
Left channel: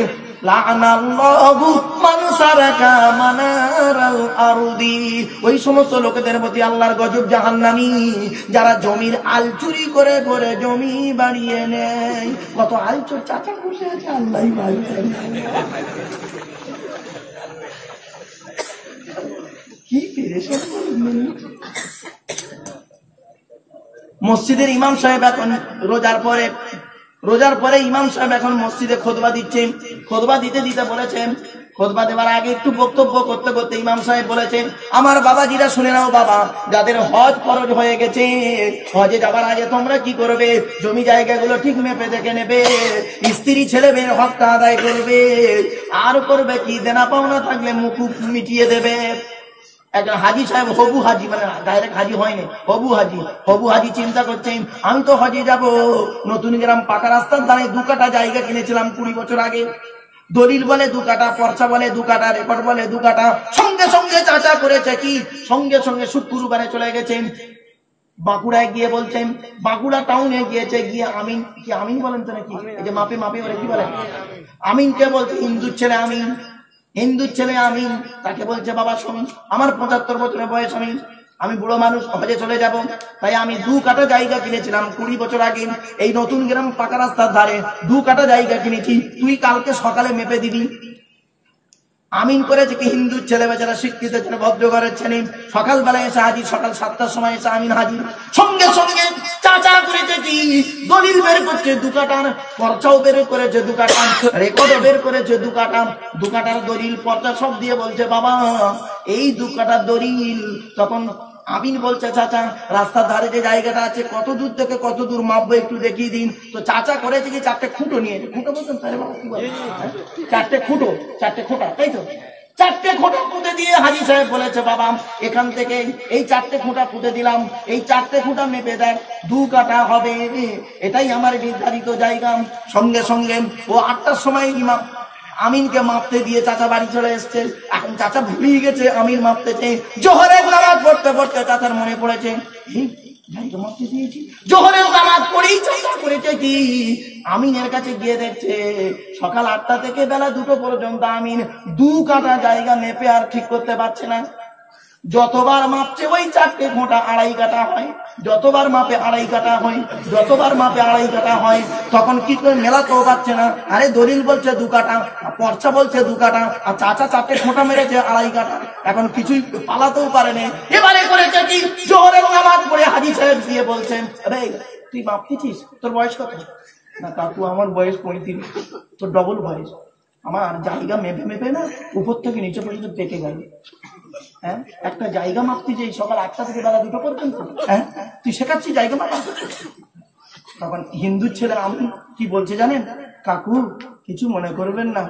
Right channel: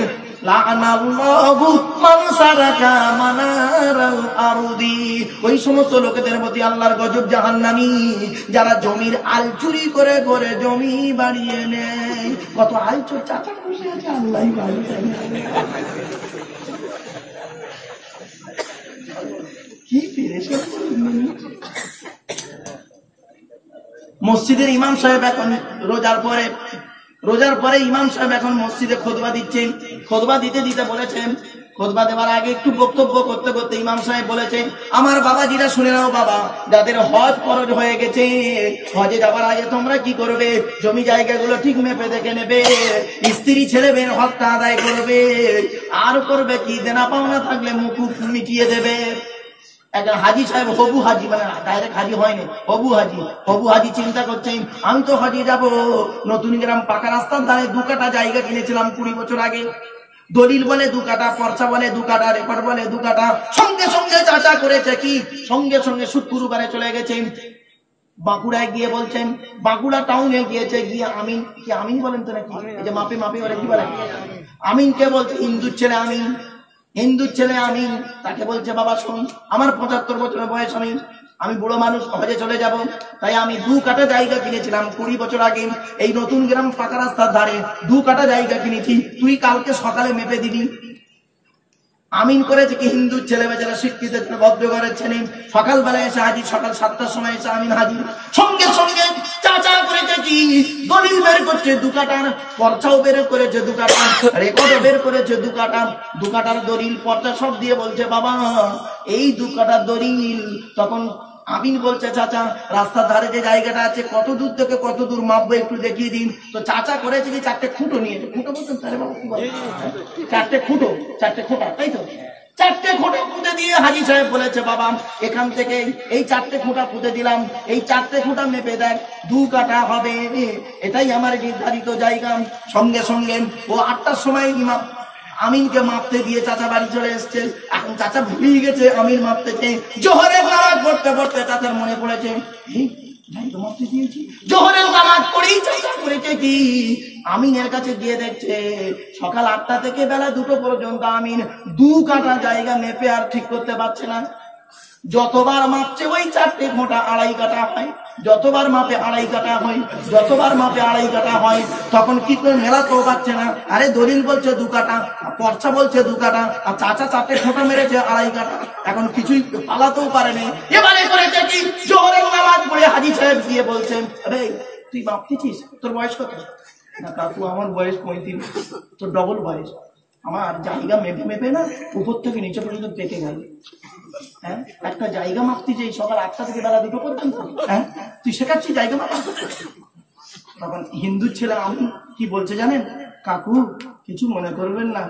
লাআনাল্লাহু মান সারাকা মানারাল আরদি। ওই সমস্ত লোকেদের প্রতি আল্লাহর গজব জাহান্নামী যারা জমির আল চুরি করে করে জমি বাড়িয়ে নেয়। কত আলচোর চাচা বসে আছে আল্লাহই ভালো জানে। কি পেরেশান। মসজিদের ইমাম সাহেব এখন রোজার পরে ইমাম সাহেব এখন মসজিদে খুতবা দিচ্ছেন। খুতবা দিতে দিতে বলেছেন, খুতবা দেওয়ার আগে একটু বক্তব্য করতে করতে ইমাম সাহেব বলেছেন আমার বাবাজিরা শুনে নাও বাবা, যাদের হজ ফরজ হয়ে গেছে হজে যাবার আগে তোমরা কি করবে, জমি জায়গাগুলো ঠিক মেপে দেখে নেবে, স্ত্রী ছেলে মেয়ের হকটা আদায় করবে, আর করবে কি দেনা পাওনা থাকলে মুকুব মিটিয়ে দেবে। একটা হাজি সাহেব হবু হাজি, মানে ডাইরেক্ট হাজি হয়নি, হবু হাজি চিন্তা করছেন আমি তো হজে যাব, নতুন গ্রাম পাকা রাস্তার ধারে 2 কাঠা জায়গা কিনেছিলাম 20 বছর আগে, দলিল বলে 2 কাঠা, পর্চা বলে 2 কাঠা, রেকর্ড বলে 2 কাঠা। সঙ্গে সঙ্গে চাচা করেছে কি, সঙ্গে সঙ্গে শুক্রবারে চলে গেছেন বাঁকুড়ায় গিয়ে বলছেন, বাঁকুড়া টাউনে গিয়েছে, গিয়ে আমিন, কি আমিন বলেন তো নাকি, এই যে মাপে বলে কি বলে, আমিনকে বলছে হিন্দুর ছেলে আমিন, তাকে বলছে বাবা শুন আমার 75 বছরের বয়স, আমি বুড়ো মানুষ, হজে চলে যাব, তাই আমি 2 কাঠা জায়গা কিনেছিলাম 20 বছর আগে, এই নতুন গ্রাম পাকা রাস্তার ধারে 2 কাঠা জায়গা কিনেছি, তুই কালকে সকালে মেপে দিবি। আমিন করেছে কি হিন্দুর ছেলে বেচারা শিক্ষিত ছেলে ভদ্র ঘরের ছেলে, সকালবেলা এসে হাজির, সকাল 7টার সময় এসে আমিন হাজির। সঙ্গে সঙ্গে চাচা করেছে কি দলিল বের করছে 2 কাঠার, পর্চাও বের করেছে 2 কাঠা, রেকর্ডও বের করেছে 2 কাঠা, 2 কাঠার দলিল পর্চা সব দিয়ে বলছে বাবা এই 2 কাঠার দলিল। তখন আমিন বলছে চাচা রাস্তার ধারে যে জায়গাটা আছে কত দূর থেকে কত দূর মাপবো একটু দেখিয়ে দিন। তো চাচা করেছে কি 4টে খুঁটো নিয়েছে, খুঁটো বলছেন তাহলে বাবা কি বলে, 4টে খোঁটা, তাই তো 4টে খোঁটা পুঁতে দিয়ে হাজি সাহেব বলেছে বাবা এখান থেকে এই 4টে খোঁটা পুঁতে দিলাম, এই 4টে খোঁটা মেপে দেখ 2 কাঠা হবে, এটাই আমার নির্ধারিত জায়গা। সঙ্গে সঙ্গে ও 8টার সময় ইমাম আমিনকে মাপতে দিয়ে চাচা বাড়ি চলে এসছে। এখন চাচা ভুলেই গেছে আমিন মাপতেছে, জোহরের নামাজ পড়তে পড়তে চাচার মনে পড়েছে মাপতে দিয়েছি, জোহরের নামাজ পড়েই চাচা করেছে কি আমিনের কাছে গিয়ে দেখছে সকাল 8টা থেকে বেলা 2টো পর্যন্ত আমিন 2 কাঠা জায়গা মেপে আর ঠিক করতে পারছে না। যতবার মাপছে ওই 4টে খোঁটা 2.5 কাঠা হয়, যতবার মাপে 2.5 কাঠা হয়, তখন কি করে মেলাতেও পারছে না। আরে দলিল বলছে 2 কাঠা, পর্চা বলছে 2 কাঠা, আর চাচা 4টে খোঁটা মেরেছে 2.5 কাঠা, এখন কিছুই পালাতেও পারেনি। এবারে করেছে কি জোহরের নামাজ পড়ে হাজি সাহেব দিয়ে বলছেন আরে তুই মাপতেছিস, তোর বয়স কত? না কাকু আমার বয়স 35, তোর ডবল বয়স, আমার জায়গা মেপে না উপর থেকে নিচে পর্যন্ত পেকে গেল। হ্যাঁ একটা জায়গা মাপতি যে সকাল 8টা থেকে বেলা 2টো পর্যন্ত, হ্যাঁ তুই শেখাচ্ছিস জায়গা মাপা। তখন হিন্দুর ছেলে আমি কি বলছে জানেন, কাকু কিছু মনে করবেন না,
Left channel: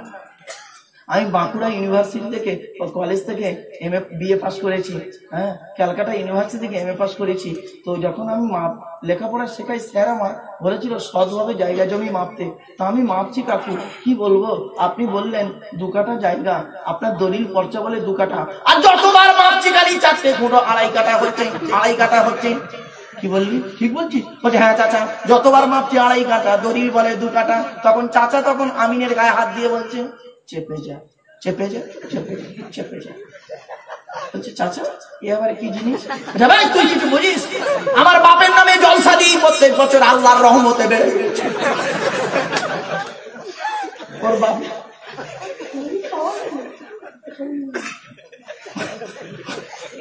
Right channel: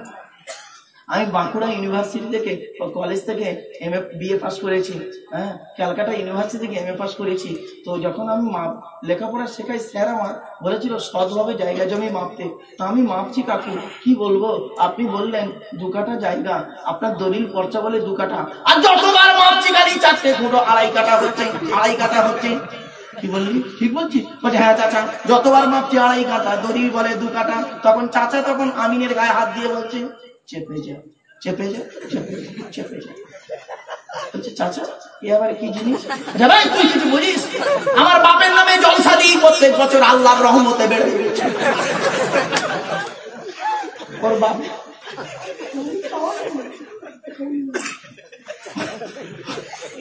আমি বাঁকুড়া ইউনিভার্সিটি থেকে কলেজ থেকে বিএ পাস করেছি, হ্যাঁ ক্যালকাটা ইউনিভার্সিটি থেকে এমএ পাস করেছি। তো যখন আমি লেখাপড়া শেখাই স্যার আমার বলেছিল সৎভাবে জায়গা জমি মাপতে, তা আমি মাপছি কাকু কি বলবো, আপনি বললেন 2 কাঠা জায়গা, আপনার দলিল পর্চা বলে 2 কাঠা, আর যতবার মাপছি খালি 4টে খোঁটো 2.5 কাঠা হচ্ছে। কি বললি? ঠিক বলছি? বলছে হ্যাঁ চাচা, যতবার মাপছি 2.5 কাঠা, দড়ি বলে 2 কাঠা। তখন চাচা তখন আমিনের গায়ে হাত দিয়ে বলছে চেপে যা, চেপে যা, চেপে যা, চেপে যা। বলছে চাচা এ আবার কি জিনিস? ভাই তুই কিছু বুঝিস? আমার বাপের নামে জলসা দিই প্রত্যেক বছর, আল্লাহর রহমতে বেড়ে গেছে। ওর বাপ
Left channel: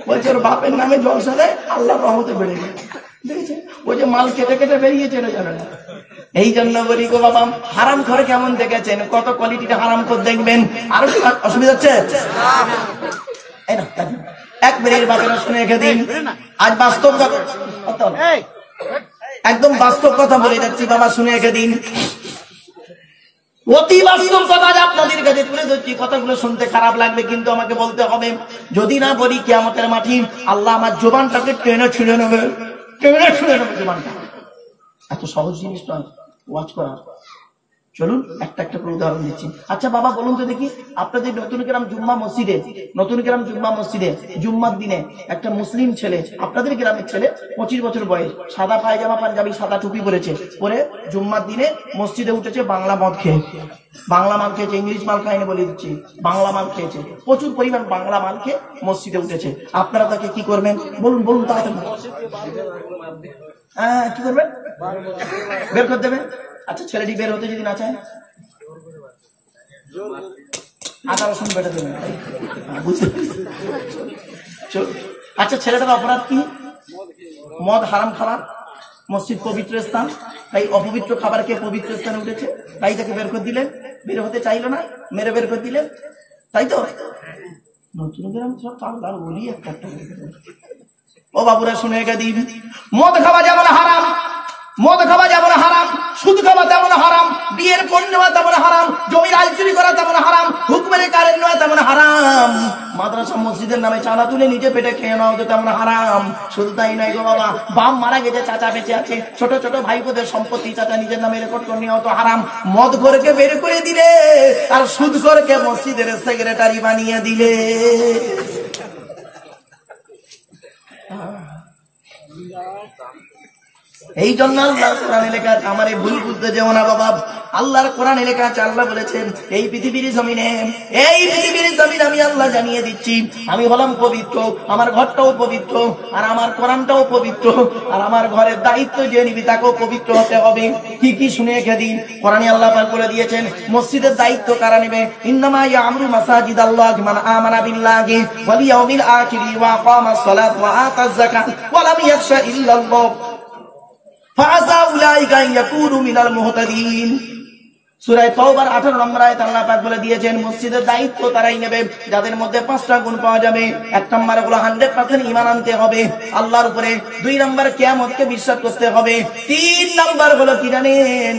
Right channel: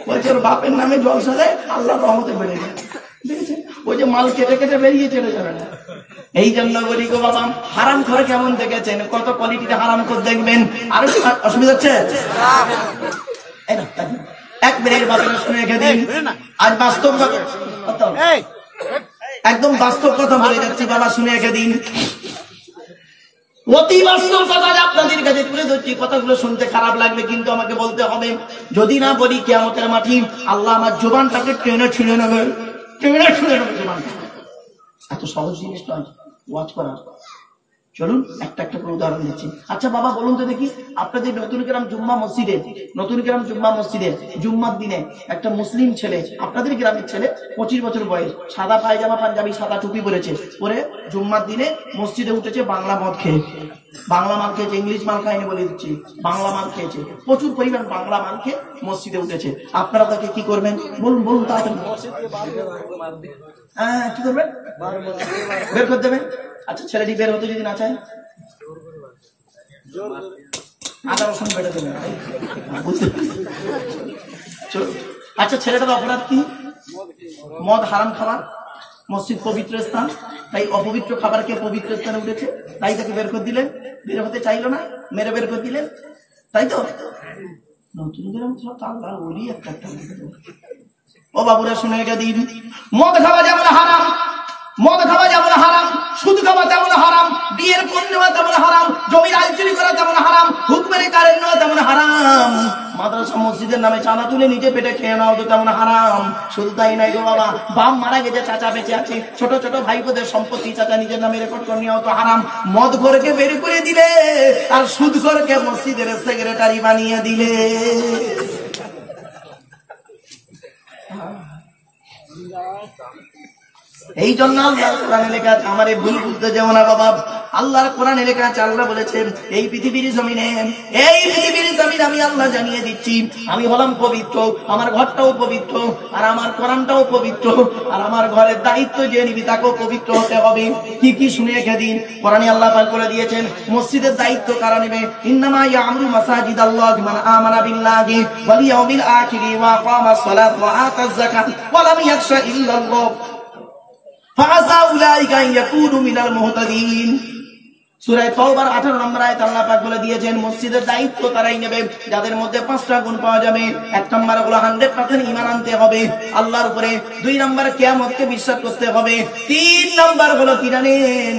বলছে ওর বাপের নামে জলসা দেয়, আল্লাহর রহমতে বেড়ে গেছে। ওই যে মাল কেটে কেটে বেরিয়ে চলে যাবে না। এই জন্য বলি গো বাবা, হারাম ঘরে কেমন দেখেছেন, কত কোয়ালিটিটা হারাম করে দেখবেন। আর অসুবিধা হচ্ছে? এক মিনিট বাচ্চারা শুনে রেখে দিন। আজ বাস্তব একদম বাস্তব কথা বলে যাচ্ছি বাবা, শুনে রেখে দিন। অতি বাস্তব কথা আপনাদের কাছে তুলে ধরছি। কথাগুলো শুনতে খারাপ লাগবে, কিন্তু আমাকে বলতে হবে। যদি না বলি কিয়ামতের মাঠে আল্লাহ আমার জবানটাকে টেনে ছিঁড়ে নেবে, টেনে ছিঁড়ে নেবে জবানটা। এত সহজ জিনিস নয় ওয়াজ করা। চলুন একটা একটা করে উদাহরণ দিচ্ছি। আচ্ছা বাবা বলুন তো দেখি, আপনাদের নতুন গ্রাম জুম্মা মসজিদে, নতুন গ্রাম জুম্মা মসজিদে জুম্মার দিনে একটা মুসলিম ছেলে, আপনাদের গ্রামের ছেলে, 25 বছর বয়স, সাদা পায়জামা পাঞ্জাবি সাদা টুপি পরেছে, পরে জুম্মার দিনে মসজিদে উঠেছে বাংলা মদ খেয়ে। বাংলা মাল খেয়েছে, ইংলিশ মাল খায়নি বলে দিচ্ছি, বাংলা মাল খেয়েছে, প্রচুর পরিমাণ বাংলা মাল খেয়ে মসজিদে উঠেছে। আপনারা তাকে কি করবেন বলুন, বলুন তাড়াতাড়ি। হ্যাঁ কি করবেন? বের করে দেবেন। আচ্ছা ছেলেটি বের হতে যদি না চায়, আদা রসুন বেটে দেবেন। আচ্ছা ছেলেটার অপরাধ কি? মদ হারাম খাবার, মসজিদ পবিত্র স্থান, তাই অপবিত্র খাবারকে পবিত্র স্থানে উঠেছে, তাই তাকে বের করে দিলেন। বের হতে চাইলো না, মেরে বের করে দিলেন, তাই তো? নতুন গ্রাম তার ওরই একটা ও বাবুরা শুনে রেখে দিন। মদ খাওয়া যেমন হারাম, মদ খাওয়া যেমন হারাম, সুদ খাওয়া তেমন হারাম, বিয়ের পণ নেওয়া তেমন হারাম, জমির আইল চুরি করা তেমন হারাম, হুকুমের কারেন্ট নেওয়া তেমন হারাম, মাদ্রাসা মসজিদের নামে চাঁদা তুলে নিজে পেটে খেয়ে নেওয়া তো তেমন হারাম। শুধু তাই নাই গো বাবা, বাপ মারা গেছে, চাচা বেঁচে আছে, ছোট ছোট ভাইপোদের সম্পত্তি চাচা নিজের নামে রেকর্ড করে নেওয়া তো হারাম। মদ ঘরকে বের করে দিলে আর সুদ ঘরকে মসজিদের সেক্রেটারি বানিয়ে দিলে। এই জন্য আল্লাহ কোরআনে লেখা আছে, আমার এই ভুল বুঝতে যেও না বাবা। আল্লাহর কোরআনে লেখা আছে, আল্লাহ বলেছেন এই পৃথিবীর জমিনে, এই পৃথিবীর জমিন আমি আল্লাহ জানিয়ে দিচ্ছি, আমি হলাম পবিত্র, আমার ঘরটাও পবিত্র, আর আমার কোরআনটাও পবিত্র, আর আমার ঘরের দায়িত্ব যে নিবি তাকেও পবিত্র হতে হবে। কি কি শুনে রেখে দিন। কোরআনে আল্লাহ পাক বলে দিয়েছেন মসজিদের দায়িত্ব কারা নেবে? ইন্নামা ইয়ামুরু মাসাজিদাল্লাহি মান আমানা বিল্লাহি ওয়াল ইয়াউমিল আখিরি ওয়া আকামাস সালাত ওয়া আতাজ যাকাত ওয়া লাম ইয়াখশা ইল্লাল্লাহ ফাআসা উলাইকা ইয়াকুনু মিনাল মুহতাদিন। সূরা তাওবার 18 নম্বর আয়াতে আল্লাহ পাক বলে দিয়েছেন মসজিদের দায়িত্ব তারাই নেবে যাদের মধ্যে 5টা গুণ পাওয়া যাবে। 1 নম্বর হলো 100% ঈমান আনতে হবে আল্লাহর উপরে, 2 নম্বর কিয়ামতকে বিশ্বাস করতে হবে, 3 নম্বর হলো কি জানেন?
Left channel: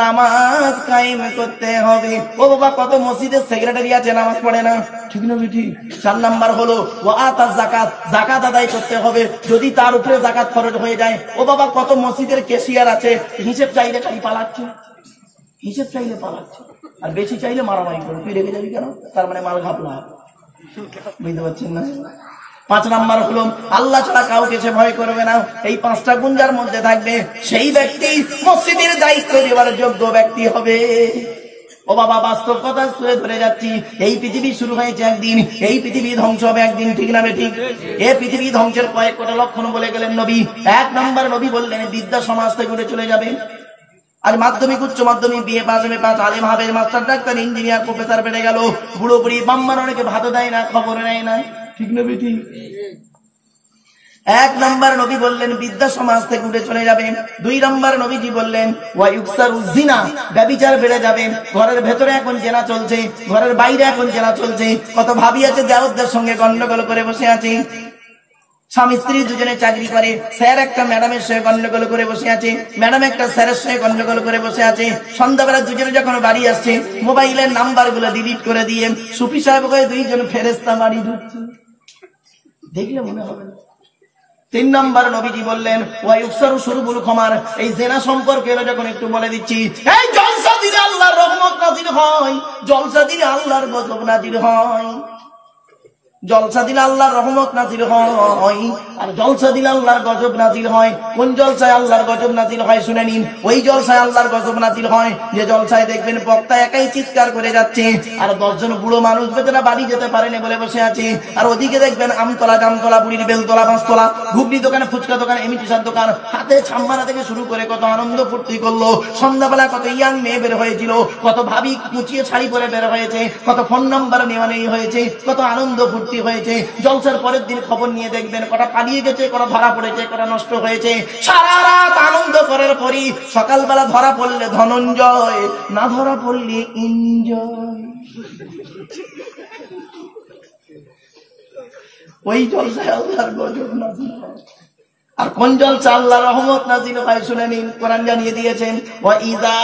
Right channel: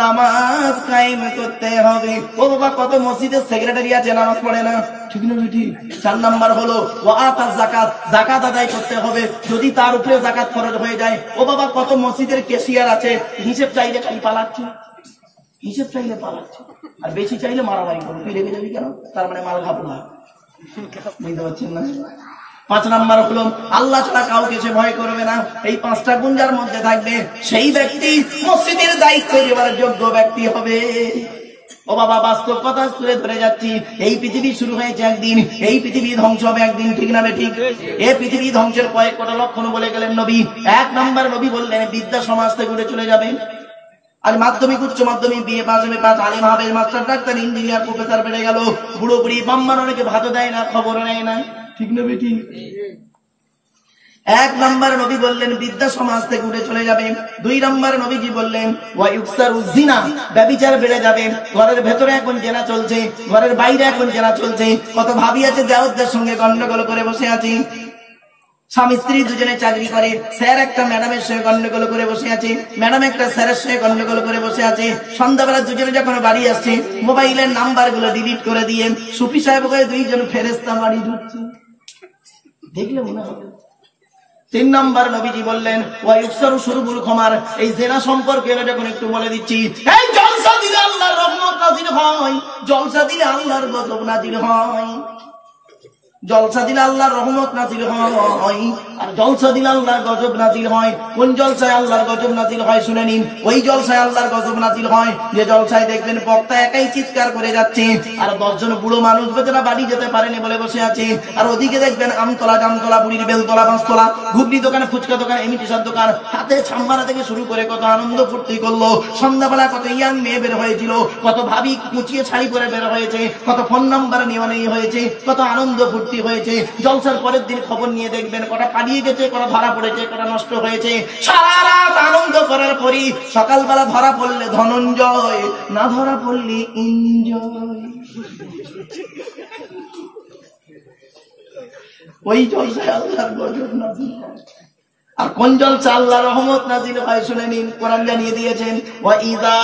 নামাজ কায়েম করতে হবে। ও বাবা কত মসজিদের সেক্রেটারি আছে নামাজ পড়ে না, ঠিক না বেটি? 4 নম্বর হলো ওয়া আতাজ যাকাত, যাকাত আদায় করতে হবে যদি তার উপরে যাকাত খরচ হয়ে যায়। ও বাবা কত মসজিদের ক্যাশিয়ার আছে, হিসাব চাইলে খালি পালাচ্ছে, হিসেব চাইলে পালাচ্ছে, আর বেশি চাইলে মারামারি করবে। তুই রেখে যাবি কেন? তার মানে মাল ঘাপলা, বুঝতে পারছেন না? 5 নম্বর হলো আল্লাহ ছাড়া কাউকে সে ভয় করবে না। এই 5টা গুণ যার মধ্যে থাকবে সেই ব্যক্তি মসজিদের দায়িত্ব নেওয়ার যোগ্য ব্যক্তি হবে। ও বাবা বাস্তব কথা তুলে ধরে যাচ্ছি। এই পৃথিবী শুরু হয়েছে একদিন, এই পৃথিবী ধ্বংস হবে একদিন, ঠিক না ঠিক? এই পৃথিবী ধ্বংসের কয়েকটা লক্ষণ বলে গেলেন নবী। 1 নম্বর নবী বললেন বিদ্যা সমাজ থেকে উঠে চলে যাবে। আর মাধ্যমিক উচ্চ মাধ্যমিক বিএ পাস এমএ পাস আলেম হাফেজ মাস্টার ডাক্তার ইঞ্জিনিয়ার প্রফেসর বেড়ে গেল, বুড়ো বুড়ি বাম্মার অনেকে ভাত দেয় না, খবর নেয় না, ঠিক না বেটি? 1 নম্বর নবী বললেন বিদ্যা সমাজ থেকে উঠে চলে যাবে। 2 নম্বর নবীজি বললেন ওয়া ইউকসারু জিনা, ব্যভিচার বেড়ে যাবে। ঘরের ভেতরে এখন জেনা চলছে, ঘরের বাইরে এখন জেনা চলছে। কত ভাবি আছে দেওরদের সঙ্গে গন্ডগোল করে বসে আছে, স্বামী স্ত্রী দুজনে চাকরি করে, স্যার একটা ম্যাডামের সঙ্গে গন্ডগোল করে বসে আছে, ম্যাডাম একটা স্যারের সঙ্গে গন্ডগোল করে বসে আছে। সন্ধ্যাবেলা দুজনে যখন বাড়ি আসছে মোবাইলের নাম্বার গুলো ডিলিট করে দিয়ে সুফি সাহেব করে 2জন ফেরেশতা বাড়ি ঢুকছে, দেখলে মনে হবে। 3 নম্বর নবীজি বললেন ওয়াইউকসারু শুরুবুল খামার, এই জেনা সম্পর্কে যখন একটু বলে দিচ্ছি, এই জলসা দিলে আল্লাহর রহমত নাজিল হয়, জলসা দিলে আল্লাহর গজব নাজিল হয়, জলসা দিলে আল্লাহর রহমত নাজিল হয়। আর জলসা দিলে আল্লাহর গজব নাজিল হয়। কোন জলসায় আল্লাহর গজব নাজিল হয় শুনে নিন। ওই জলসায় আল্লাহর গজব নাজিল হয় যে জলসায় দেখবেন বক্তা একাই চিৎকার করে যাচ্ছে, আর 10 জন বুড়ো মানুষ বেচারা বাড়ি যেতে পারেনি বলে বসে আছে। আর ওদিকে দেখবেন আমতলা, জামতলা, বুড়ির বেলতলা, পাঁচতলা, ঘুগনি দোকান, ফুচকা দোকান, এমিটিসার দোকান, হাতে ছাম্বানা থেকে শুরু করে কত আনন্দ ফুর্তি করলো। সন্ধ্যাবেলা কত ইয়াং মেয়ে বের হয়েছিল, কত ভাবি কুচিয়ে শাড়ি পরে বের হয়েছে, কত ফোন নাম্বার নেওয়া নেই হয়েছে, কত আনন্দ ফুর্তি হয়েছে। জলসার পরের দিন খবর নিয়ে দেখবেন কটা পালিয়ে গেছে, কটা ধরা পড়েছে, কটা নষ্ট হয়েছে। সারা রাত আনন্দ করার পরই সকালবেলা ধরা পড়লে ধনঞ্জয়, না ধরা পড়লে এনজয়। ওই জলসায় আল্লাহর গজব নাজিল হয়। আর কোন জলসা আল্লাহর রহমত নাজিল হয় শুনে নিন। কোরআন জানিয়ে দিয়েছেন, ওয়া ইযা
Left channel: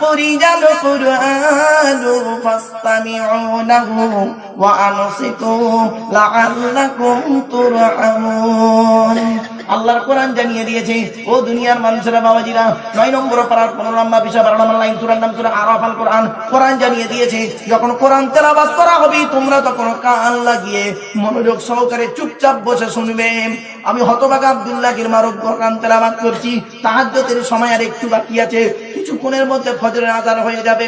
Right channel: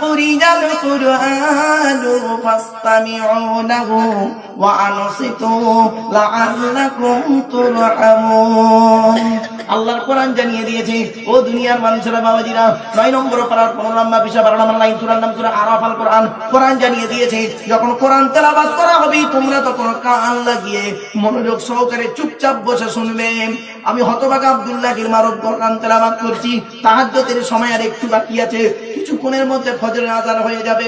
কুরিজাল কুরআনু ফাসতামিউ লাহু ওয়া আনসিতু লাআল্লাকুম তুরহামুন। আল্লাহর কোরআন জানিয়ে দিয়েছে, ও দুনিয়ার মানুষেরা, বাবাজিরা, 9 নম্বর পারার 15 নম্বর বিষয় 12 নম্বর লাইন, সূরার নাম সূরা আরাফ। আল কোরআন, কোরআন জানিয়ে দিয়েছে যখন কোরআন তেলাওয়াত করা হবে তোমরা তখন কান লাগিয়ে মনোযোগ সহকারে চুপচাপ বসে শুনবে। আমি হতভাগা আব্দুল্লাহ গিরমারক কোরআন তেলাওয়াত করছি, তাহাজ্জুদের সময় আর একটু বাকি আছে, কিছুক্ষণের মধ্যে ফজরের আযান হয়ে যাবে।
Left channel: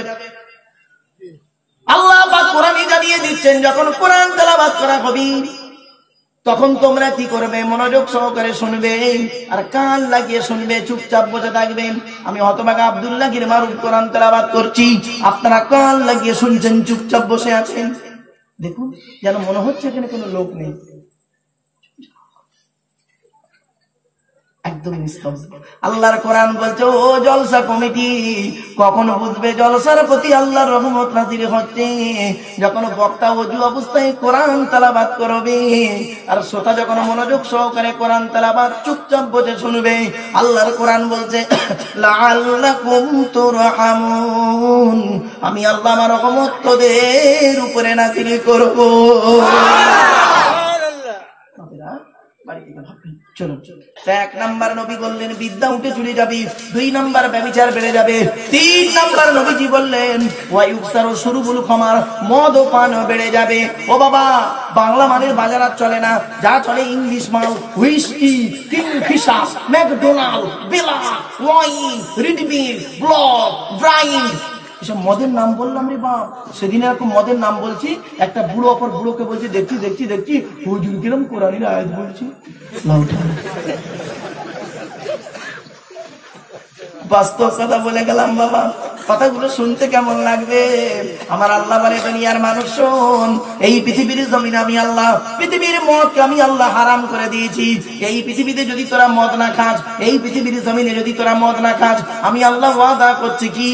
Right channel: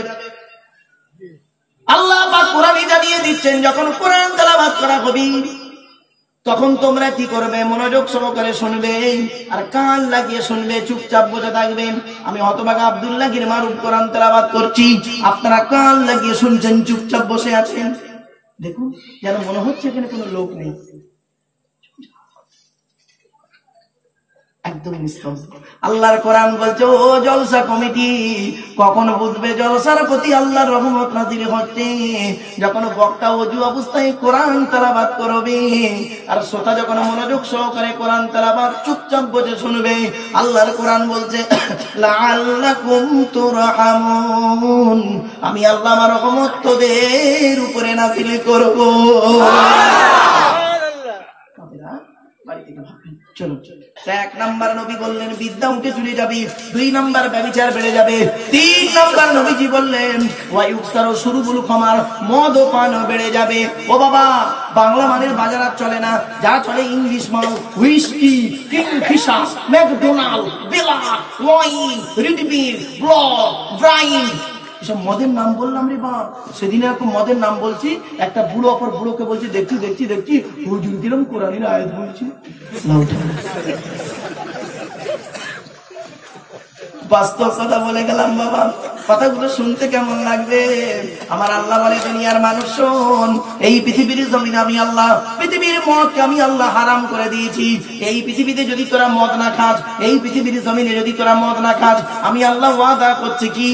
আল্লাহ পাক কোরআনে জানিয়ে দিচ্ছেন যখন কোরআন তেলাওয়াত করা হবে তখন তোমরা কি করবে? মনোযোগ সহকারে শুনবে আর কান লাগিয়ে শুনবে, চুপচাপ বসে থাকবেন। আমি হতভাগা আব্দুল্লাহ গিরমারক কোরআন তেলাওয়াত করছি, আপনারা কান লাগিয়ে শুনছেন, চুপচাপ বসে আছেন। দেখুন যেন মনে হচ্ছে এখানে কোনো লোক নেই, একদম নিস্তব্ধ। আল্লাহর কোরআন বলছে, ও জলসা কমিটি, কখন বুঝবে জলসার প্রতি আল্লাহর রহমত নাজিল হচ্ছে? যখন বক্তা ওযু অবস্থায় কোরআন তেলাওয়াত করবে আর শ্রোতা যখন মনোযোগ সহকারে কোরআন তেলাওয়াত চুপচাপ বসে শুনবে। আল্লাহর কোরআন বলছে, লাআল্লাকুম তুরহামুন, আমি আল্লাহ আমার রহমত তোদের উপরে নাজিল করব। চলো, 1 নাম্বার নবী বললেন বিদ্যা উঠে চলে যাবে, 2 নাম্বার ব্যভিচার বেড়ে যাবে, 3 নাম্বার নবীজি বললেন ওয়ায়ুকসারু শুরুবুল খামার, মদ ও পান বেড়ে যাবে। ও বাবা, বাংলা মানের বাজার আর চলে না, যা চলে ইংলিশ মাল, হুইস্কি, কিংফিশার, ম্যাকডোনাল্ড, বেলা, ওয়াইন, রিডবিল, ব্লক, ব্রাইন, এসব মদের নাম বললাম রে বাপ। সেদিন এরকম মদের নাম বলছি, একটা বুড়ো অপর বুড়োকে বলছি, দেখছি দেখছি দেখছি হুজুর কিরম কোরআনের আয়াত বলছি। বাস্তব কথা বলে গেলাম বাবা, কথাগুলো শুনতে কেমন লাগবে? আমার আল্লাহ বলে, দুনিয়ার মানুষ শোন, এই পৃথিবীর জমিনে আমি আল্লাহ পৃথিবীর মদকে আমি আল্লাহ হারাম করে দিয়েছি। এই পৃথিবীতে যদি তোরা মদ না খাস, এই পৃথিবীর জমিনে যদি তোরা মদ না খাস, আমি আল্লাহ ওয়াদা করছি কি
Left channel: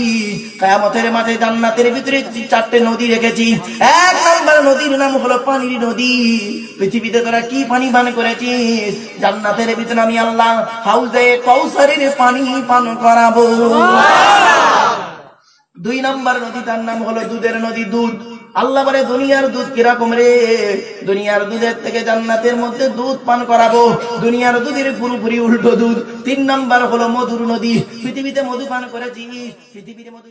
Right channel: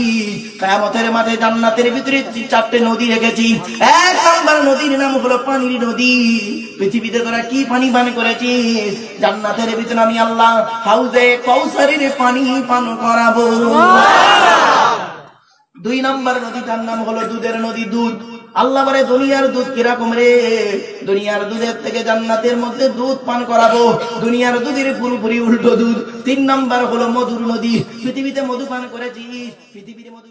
কিয়ামতের মাঠে জান্নাতের ভিতরে 4টে নদী রেখেছি। 1 নম্বর নদীর নাম হলো পানির নদী। পৃথিবীতে তোরা কি পানি পান করেছিস? জান্নাতের ভিতরে আমি আল্লাহ হাউজে কাউসারের পানি পান করাবো। 2 নম্বর নদীটার নাম হলো দুধের নদী, দুধ। আল্লাহ বলে, দুনিয়ার দুধ কিরকম রে? দুনিয়ার দুধের থেকে জান্নাতের মধ্যে দুধ পান করাবো। দুনিয়ার দুধের পুরোপুরি উল্টো দুধ। 3 নম্বর হলো মধুর নদী। পৃথিবীতে মধু পান করেছিস, পৃথিবীর মধু